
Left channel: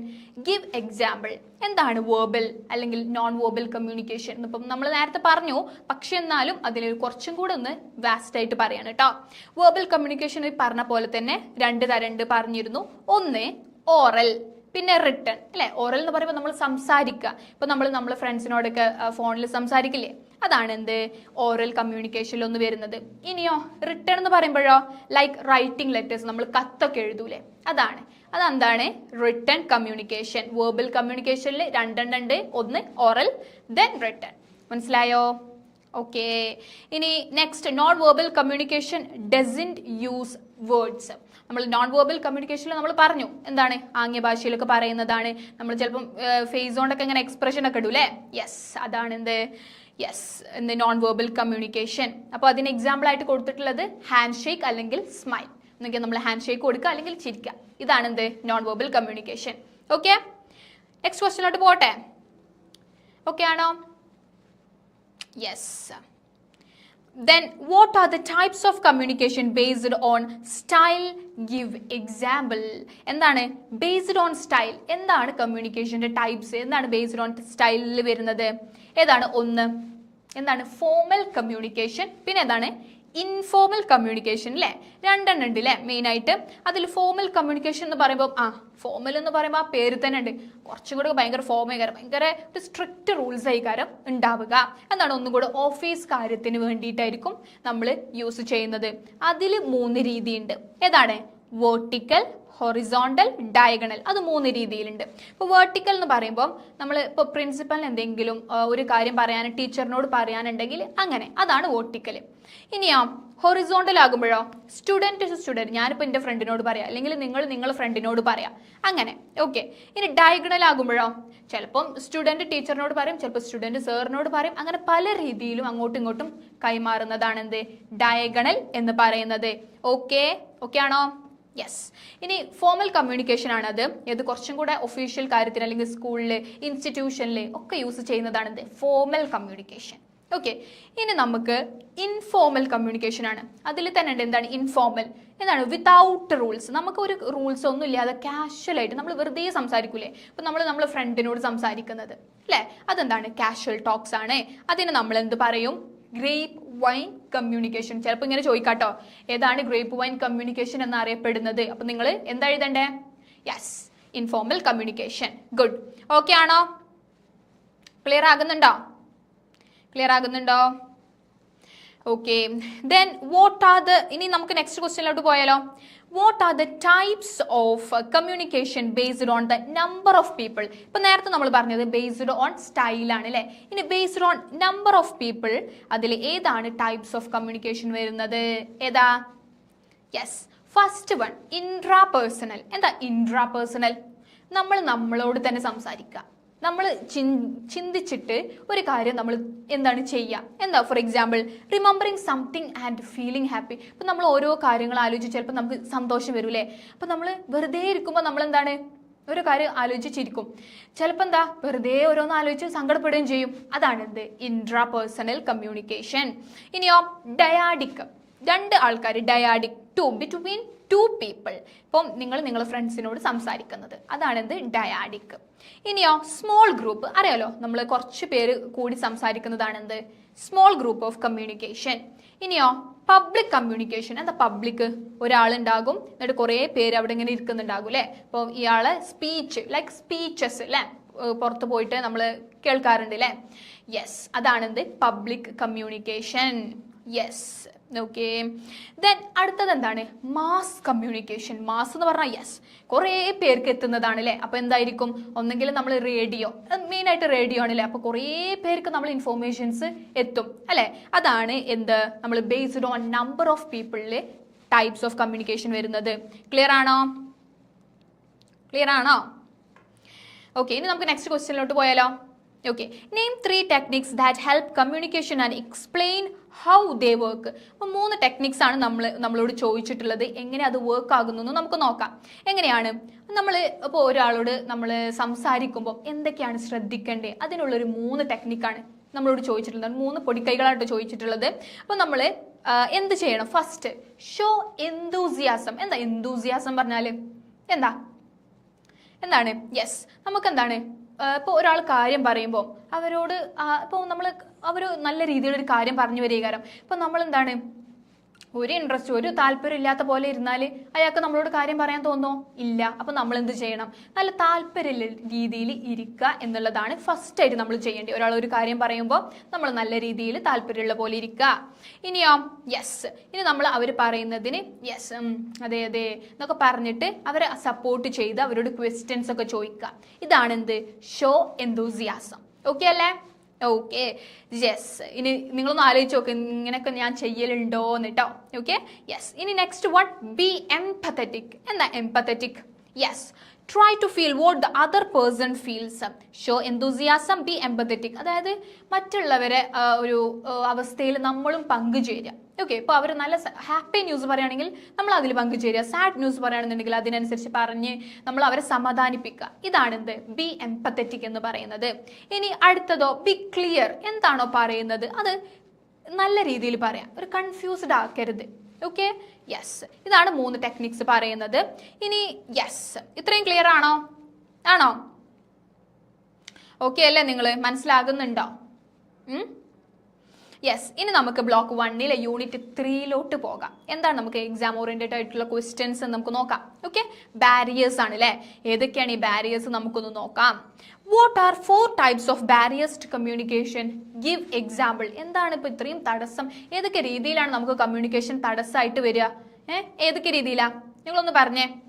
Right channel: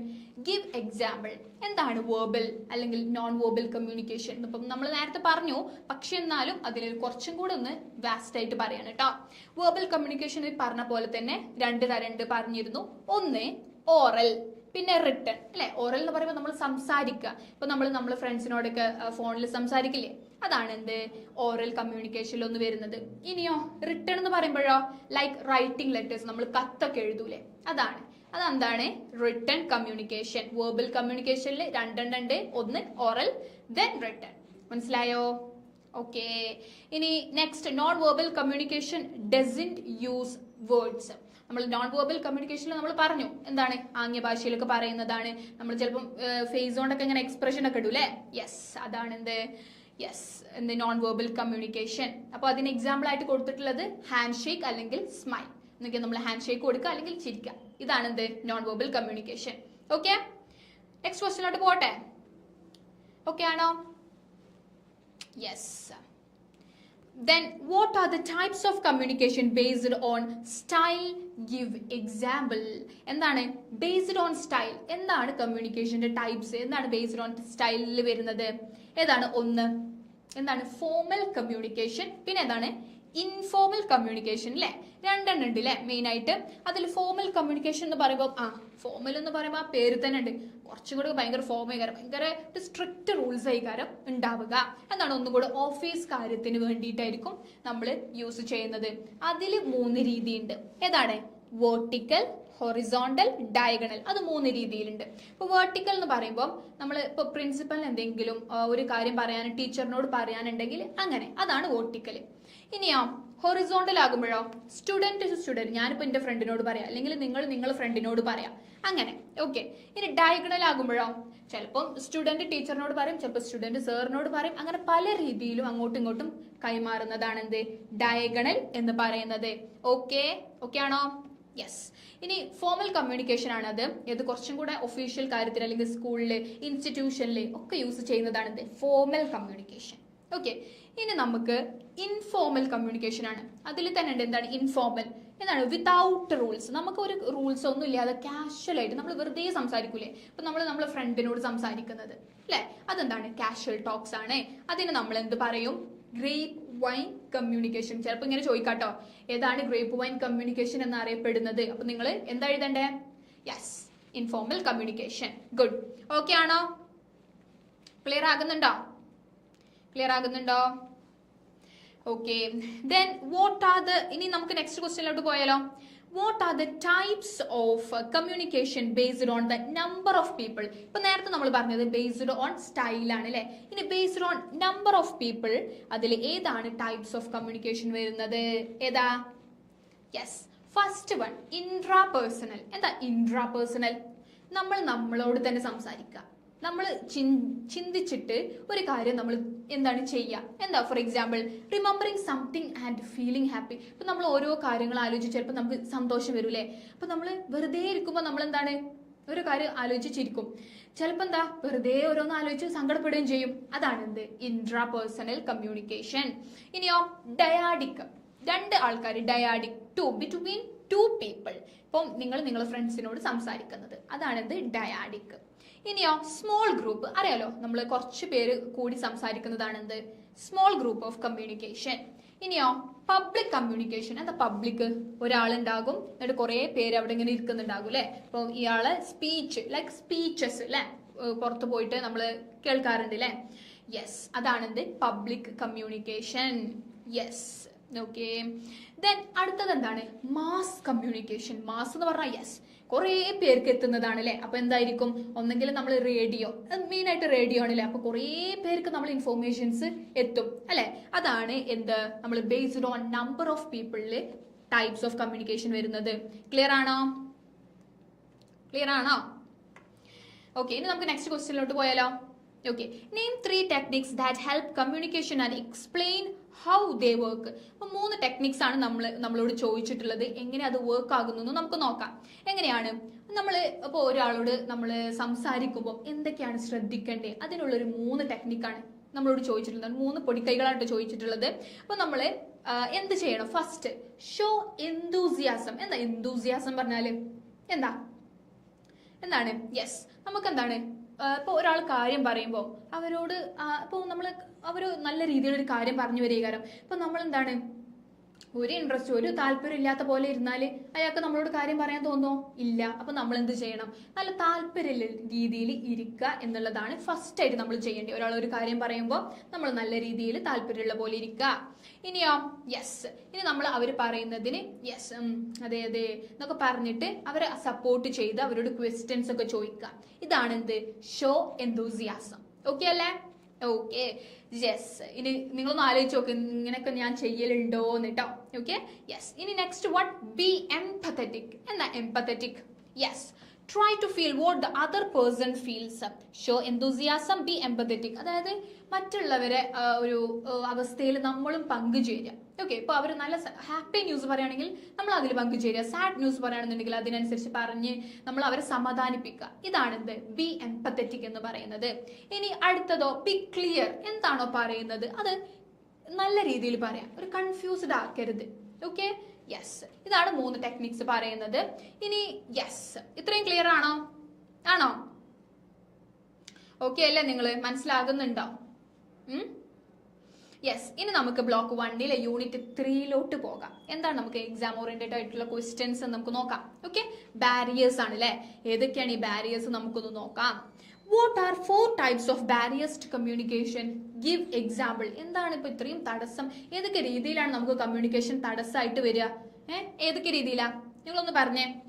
give example എന്താണ് വേർബൽ അല്ലെങ്കിൽ നോൺ വേർബൽ കമ്മ്യൂണിക്കേഷൻ ഇപ്പം നമ്മൾ നേരത്തെ പറഞ്ഞു. പക്ഷെ എന്നാലും അതിലൊരു കുറച്ചും കൂടെ ഒന്ന് വാസ്റ്റ് ആയിട്ട് പറയാണ് കേട്ടോ വേർബൽ കമ്മ്യൂണിക്കേഷൻ പറഞ്ഞ പോലെ തന്നെ രണ്ട് തരണ്ട് പറഞ്ഞിരുന്നു. ഒന്ന് ഓറൽ പിന്നെ റിട്ടേൺ അല്ലേ? ഓറൽ എന്ന് പറയുമ്പോൾ നമ്മൾ സംസാരിക്കുക ഇപ്പൊ നമ്മൾ നമ്മൾ ഫ്രണ്ട്സിനോടൊക്കെ ഫോണിൽ സംസാരിക്കില്ലേ? അതാണ് എന്ത്? ഓറൽ കമ്മ്യൂണിക്കേഷനിൽ ഒന്ന് വരുന്നത്. ഇനിയോ റിട്ടേൺ എന്ന് പറയുമ്പോഴോ? ലൈക്ക് റൈറ്റിംഗ് ലെറ്റേഴ്സ് നമ്മൾ കത്തൊക്കെ എഴുതൂലേ? അതാണ്. അതെന്താണ്? റിട്ടേൺ കമ്മ്യൂണിക്കേഷൻ വേർബൽ കമ്മ്യൂണിക്കേഷനിൽ രണ്ടെണ്ണുണ്ട് ഒന്ന് ഓറൽ ദെൻ റിട്ടേൺ മനസ്സിലായോ? ഓക്കേ ഇനി next non verbal communication doesn't use words നമ്മൾ നോൺ വേർബൽ കമ്മ്യൂണിക്കേഷനിൽ നമ്മൾ പറഞ്ഞു. എന്താണ്? ആംഗ്യ ഭാഷയിലൊക്കെ പറയുന്നതാണ്. നമ്മൾ ചിലപ്പം ഫേസ് കൊണ്ടൊക്കെ ഇങ്ങനെ എക്സ്പ്രഷൻ ഒക്കെ ഇടൂലേ? യെസ് അതാണ് എന്ത്? യെസ് എന്ത് നോൺ വേർബൽ കമ്മ്യൂണിക്കേഷൻ അപ്പോൾ അതിന് എക്സാമ്പിൾ ആയിട്ട് കൊടുത്തിട്ടുള്ളത് ഹാൻഡ് ഷേക്ക് അല്ലെങ്കിൽ സ്മൈൽ എന്നൊക്കെ നമ്മൾ ഹാൻഡ് ഷേക്ക് കൊടുക്കുക അല്ലെങ്കിൽ ചിരിക്കുക. ഇതാണ് എന്ത്? Non verbal communication okay next ക്വസ്റ്റിനോട്ട് പോട്ടെ. ഓക്കെ ആണോ? Yes then what are the types of communication based on style give example എന്താണ്? ബേസ്ഡ് ഓൺ സ്റ്റൈൽ എന്താണ് കമ്മ്യൂണിക്കേഷന്റെ ടൈപ്സ് എന്താണ് ബേസ്ഡ് ഓൺ സ്റ്റൈലിൽ വരുന്നത്? ഏതാണ്? ഒന്ന്. എന്താണ്? ഫോമൽ കമ്മ്യൂണിക്കേഷൻ പിന്നെ എന്താണ് ഇൻഫോർമൽ കമ്മ്യൂണിക്കേഷൻ അല്ലേ രണ്ടെണ്ണം ഉണ്ട് അല്ലേ മെയിൻ ആയിട്ട്? അതിൽ ഫോമൽ കമ്മ്യൂണിക്കേഷൻ എന്ന് പറയുമ്പോൾ ആ ഫോമൽ എന്ന് പറയുമ്പോൾ ആ പേര് തന്നെ ഉണ്ട്. കുറച്ചും കൂടെ ഭയങ്കര ഫോമേകാരം ഭയങ്കര ഒരു സ്ട്രിക്റ്റ് റൂൾസ് ആയിക്കാരം ഉണ്ടാവുക. എന്നാണ് ഒന്നും കൂടെ ഓഫീസ് കാര്യത്തിന് വേണ്ടിയിട്ടായിരിക്കും നമ്മൾ യൂസ് ചെയ്യുന്നത്. അതിൽ മൂന്ന് രീതിയുണ്ട്. ഏതാണ്? വേർട്ടിക്കൽ ഹൊറിസോണ്ടൽ ഡയഗണൽ അത് മൂന്ന് രീതിയിലുണ്ട്. ഇപ്പോൾ വേർട്ടിക്കൽ എന്ന് പറയുമ്പോൾ നമ്മൾ ഇപ്പോൾ പ്രിൻസിപ്പലിന് എന്തെങ്കിലും ഒരു കാര്യം പറയാൻ ടീച്ചറിനോട് പറയാനുണ്ടെങ്കിൽ അങ്ങനെ. അതാണ് വേർട്ടിക്കൽ ഇനിയോ ഹൊറിസോണ്ടൽ ആകുമ്പോഴോ സ്റ്റുഡന്റ് ടു സ്റ്റുഡന്റ് ഞാനിപ്പോൾ എന്റെ ഫ്രണ്ടിനോട് പറയാം. അല്ലെങ്കിൽ നിങ്ങൾ നിങ്ങളുടെ ഫ്രണ്ടിനോട് പറയാം. അങ്ങനെ ഓക്കെ ഇനി ഡയഗണൽ ആകുമ്പോഴോ? ചിലപ്പം സ്റ്റുഡന്റ് ടീച്ചറിനോട് പറയും ചിലപ്പോൾ സ്റ്റുഡന്റ് സാറിനോട് പറയും. അങ്ങനെ പല രീതിയിലും അങ്ങോട്ടും ഇങ്ങോട്ടും കൈമാറുന്നതാണ് എന്ത് ഡയഗണൽ എന്ന് പറയുന്നത്. ഓക്കെ ഓക്കെ ആണോ? യെസ് ഇനി ഫോമൽ കമ്മ്യൂണിക്കേഷൻ ആണ് അത് ഇത് കുറച്ചും കൂടെ ഒഫീഷ്യൽ കാര്യത്തിൽ അല്ലെങ്കിൽ സ്കൂളിൽ ഇൻസ്റ്റിറ്റ്യൂഷനിൽ ഒക്കെ യൂസ് ചെയ്യുന്നതാണ് ഇത് ഫോമൽ കമ്മ്യൂണിക്കേഷൻ ഓക്കെ ഇനി നമുക്ക് ഇൻഫോർമൽ കമ്മ്യൂണിക്കേഷൻ ആണ്. അതിൽ തന്നെ ഉണ്ട് എന്താണ് ഇൻഫോർമൽ എന്താണ്? വിതൗട്ട് റൂൾസ് നമുക്ക് ഒരു റൂൾസ് ഒന്നും ഇല്ലാതെ കാഷ്വലായിട്ട് നമ്മൾ വെറുതെ സംസാരിക്കൂലേ? ഇപ്പൊ നമ്മൾ നമ്മൾ ഫ്രണ്ടിനോട് സംസാരിക്കുന്നത്. അല്ലേ? അതെന്താണ്? കാഷ്വൽ ടോക്സ് ആണ്. അതിന് നമ്മൾ എന്ത് പറയും? ഗ്രേപ്പ് വൈൻ കമ്മ്യൂണിക്കേഷൻ ചിലപ്പോൾ ഇങ്ങനെ ചോദിക്കാട്ടോ. ഏതാണ് ഗ്രേപ്പ് വൈൻ കമ്മ്യൂണിക്കേഷൻ എന്ന് അറിയപ്പെടുന്നത് അപ്പൊ നിങ്ങൾ എന്താ എഴുതണ്ടേ? Yes informal communication good okay ആണോ? ക്ലിയർ ആകുന്നുണ്ടോ? Clear ആകുന്നുണ്ടോ? Okay then what are the ഇനി നമുക്ക് നെക്സ്റ്റ് ക്വസ്റ്റ്യനിലോട്ട് പോയാലോ. What are the types of communication based on the number of people ഇപ്പൊ നേരത്തെ നമ്മൾ പറഞ്ഞത് ബേസ്ഡ് ഓൺ സ്റ്റൈലാണ് അല്ലെ ഇനി based on number of people അതിൽ ഏതാണ് ടൈപ്സ് ഓഫ് കമ്മ്യൂണിക്കേഷൻ വരുന്നത്? ഏതാ? Yes first one intra personal എന്താ ഇൻട്രാ പേഴ്സണൽ നമ്മൾ നമ്മളോട് തന്നെ സംസാരിക്കുക. നമ്മൾ ചിന്തിച്ചിട്ട് ഒരു കാര്യം നമ്മൾ എന്താണ് ചെയ്യുക എന്താ for example remembering something and feeling happy ഇപ്പം നമ്മൾ ഓരോ കാര്യങ്ങൾ ആലോചിച്ച് ചിലപ്പോൾ നമുക്ക് സന്തോഷം വരൂലേ അപ്പം നമ്മൾ വെറുതെ ഇരിക്കുമ്പോൾ നമ്മൾ എന്താണ്? ഒരു കാര്യം ആലോചിച്ചിരിക്കും. ചിലപ്പോൾ എന്താ? വെറുതെ ഓരോന്ന് ആലോചിച്ച് സങ്കടപ്പെടുകയും ചെയ്യും. അതാണ് എന്ത് ഇൻട്രാ പേഴ്സണൽ കമ്മ്യൂണിക്കേഷൻ ഇനിയോ ഡയാഡിക് രണ്ട് ആൾക്കാർ dyadic two between two people ഇപ്പം നിങ്ങൾ നിങ്ങളുടെ ഫ്രണ്ട്സിനോട് സംസാരിക്കുന്നത്. അതാണ് എന്ത്? ഡയാഡിക് ഇനിയോ സ്മോൾ ഗ്രൂപ്പ് അറിയാലോ? നമ്മൾ കുറച്ച് പേര് കൂടി സംസാരിക്കുന്നതാണ് എന്ത് സ്മോൾ ഗ്രൂപ്പ് ഓഫ് കമ്മ്യൂണിക്കേഷൻ ഇനിയോ പബ്ലിക് കമ്മ്യൂണിക്കേഷൻ എന്താ പബ്ലിക് ഒരാളുണ്ടാകും എന്നിട്ട് കുറേ പേര് അവിടെ ഇങ്ങനെ ഇരിക്കുന്നുണ്ടാകും അല്ലേ? അപ്പോൾ ഇയാളെ സ്പീച്ച് ലൈക്ക് സ്പീച്ചസ് അല്ലേ? പുറത്ത് പോയിട്ട് നമ്മൾ കേൾക്കാറുണ്ട് അല്ലേ? Yes അതാണെന്ത്? Public communication yes okay then അടുത്തത് എന്താണ്? മാസ് കമ്മ്യൂണിക്കേഷൻ മാസ് എന്ന് പറഞ്ഞാൽ യെസ് കുറേ പേർക്ക് എത്തുന്നതാണ് അല്ലേ അപ്പോൾ എന്തായിരിക്കും? ഒന്നെങ്കിൽ നമ്മൾ റേഡിയോ മെയിൻ ആയിട്ട് റേഡിയോ ആണല്ലേ അപ്പോൾ കുറേ പേർക്ക് നമ്മൾ ഇൻഫോർമേഷൻസ് എത്തും അല്ലേ? അതാണ് എന്ത്? നമ്മൾ ബേസ്ഡ് ഓൺ നമ്പർ ഓഫ് പീപ്പിളിൽ ടൈപ്സ് ഓഫ് കമ്മ്യൂണിക്കേഷൻ വരുന്നത്. ക്ലിയർ ആണോ? ക്ലിയർ ആണോ? ഓക്കെ ഇനി നമുക്ക് നെക്സ്റ്റ് ക്വസ്റ്റ്യനിലോട്ട് പോയാലോ. Okay name three techniques that help communication and explain how they work അപ്പോൾ മൂന്ന് ടെക്നിക്സ് ആണ് നമ്മൾ നമ്മളോട് ചോദിച്ചിട്ടുള്ളത്. എങ്ങനെ അത് വർക്ക് ആകുന്നു എന്ന് നമുക്ക് നോക്കാം. എങ്ങനെയാണ്? നമ്മൾ ഇപ്പോൾ ഒരാളോട് നമ്മൾ സംസാരിക്കുമ്പോൾ എന്തൊക്കെയാണ് ശ്രദ്ധിക്കേണ്ടത് അതിനുള്ളൊരു മൂന്ന് ടെക്നിക്കാണ് നമ്മളോട് ചോദിച്ചിട്ടുള്ളത്. മൂന്ന് പൊടിക്കൈകളായിട്ട് ചോദിച്ചിട്ടുള്ളത്. അപ്പോൾ നമ്മൾ എന്ത് ചെയ്യണം? ഫസ്റ്റ് ഷോ എന്തൂസിയാസം എന്താ എന്തൂസിയാസം പറഞ്ഞാൽ എന്താ? എന്താണ്? യെസ് നമുക്ക് എന്താണ് ഇപ്പോൾ ഒരാൾ കാര്യം പറയുമ്പോൾ അവരോട് ഇപ്പോൾ നമ്മൾ അവർ നല്ല രീതിയിലൊരു കാര്യം പറഞ്ഞു വരികകാരം ഇപ്പം നമ്മൾ എന്താണ് ഒരു ഇൻട്രസ്റ്റ് ഒരു താല്പര്യം ഇല്ലാത്ത പോലെ ഇരുന്നാൽ അയാൾക്ക് നമ്മളോട് കാര്യം പറയാൻ തോന്നോ? ഇല്ല. അപ്പം നമ്മൾ എന്ത് ചെയ്യണം? നല്ല താല്പര്യമുള്ള രീതിയിൽ ഇരിക്കുക എന്നുള്ളതാണ് ഫസ്റ്റ് ആയിട്ട് നമ്മൾ ചെയ്യേണ്ടത്. ഒരാൾ ഒരു കാര്യം പറയുമ്പോൾ നമ്മൾ നല്ല രീതിയിൽ താല്പര്യമുള്ള പോലെ ഇരിക്കുക ഇനിയോ? യെസ് ഇനി നമ്മൾ അവർ പറയുന്നതിന് യെസ് അതെ അതെ എന്നൊക്കെ പറഞ്ഞിട്ട് അവരെ സപ്പോർട്ട് ചെയ്ത് അവരോട് ക്വസ്റ്റ്യൻസ് ഒക്കെ ചോദിക്കുക ഇതാണ് എന്ത് ഷോ എന്തൂസിയാസം ഓക്കെ അല്ലേ? ഓക്കെ യെസ് ഇനി നിങ്ങളൊന്ന് ആലോചിച്ച് നോക്ക്. ഇങ്ങനെയൊക്കെ ഞാൻ ചെയ്യലുണ്ടോ എന്നിട്ടോ ഓക്കെ യെസ് ഇനി നെക്സ്റ്റ് വൺ ബി എംപത്തറ്റിക് എന്താ empathetic yes try to feel what the other person feels show enthusiasm be empathetic അതായത് മറ്റുള്ളവരെ ഒരു അവസ്ഥയിൽ നമ്മളും പങ്കുചേരുക. ഓക്കെ ഇപ്പോൾ അവർ നല്ല ഹാപ്പി ന്യൂസ് പറയുകയാണെങ്കിൽ നമ്മൾ അതിൽ പങ്കുചേരുക. സാഡ് ന്യൂസ് പറയുകയാണെന്നുണ്ടെങ്കിൽ അതിനനുസരിച്ച് പറഞ്ഞ് നമ്മൾ അവരെ സമാധാനിപ്പിക്കുക. ഇതാണെന്ത് ബി എംപത്തറ്റിക് എന്ന് പറയുന്നത്. ഇനി അടുത്തതോ ബി ക്ലിയർ എന്താണോ പറയുന്നത്? അത് നല്ല രീതിയിൽ പറയാം. ഒരു കൺഫ്യൂസ്ഡ് ആക്കരുത്. ഓക്കെ യെസ് ഇതാണ് മൂന്ന് ടെക്നിക്സ് പറയുന്നത്. ഇനി യെസ് ഇത്രയും ക്ലിയർ ആണോ? ആണോ? ഓക്കെ അല്ലേ നിങ്ങൾ മനസ്സിലാകുന്നുണ്ടോ? യെസ് ഇനി നമുക്ക് ബ്ലോക്ക് വണ്ണിലെ യൂണിറ്റ് ത്രീയിലോട്ട് പോകാം. എന്താണ് നമുക്ക് എക്സാം ഓറിയന്റഡ് ആയിട്ടുള്ള ക്വസ്റ്റ്യൻസ് നമുക്ക് നോക്കാം. ഓക്കെ ബാരിയേഴ്സ് ആണ് അല്ലേ ഏതൊക്കെയാണ് ഈ ബാരിയേഴ്സ് നമുക്കൊന്ന് നോക്കാം. What are four types of barriers communication give example എന്താണ് ഇപ്പൊ ഇത്രയും തടസ്സം? ഏതൊക്കെ രീതിയിലാണ് നമുക്ക് കമ്മ്യൂണിക്കേഷൻ തടസ്സമായിട്ട് വരിക? ഏഹ് ഏതൊക്കെ രീതിയിലാ? നിങ്ങളൊന്ന് പറഞ്ഞേ.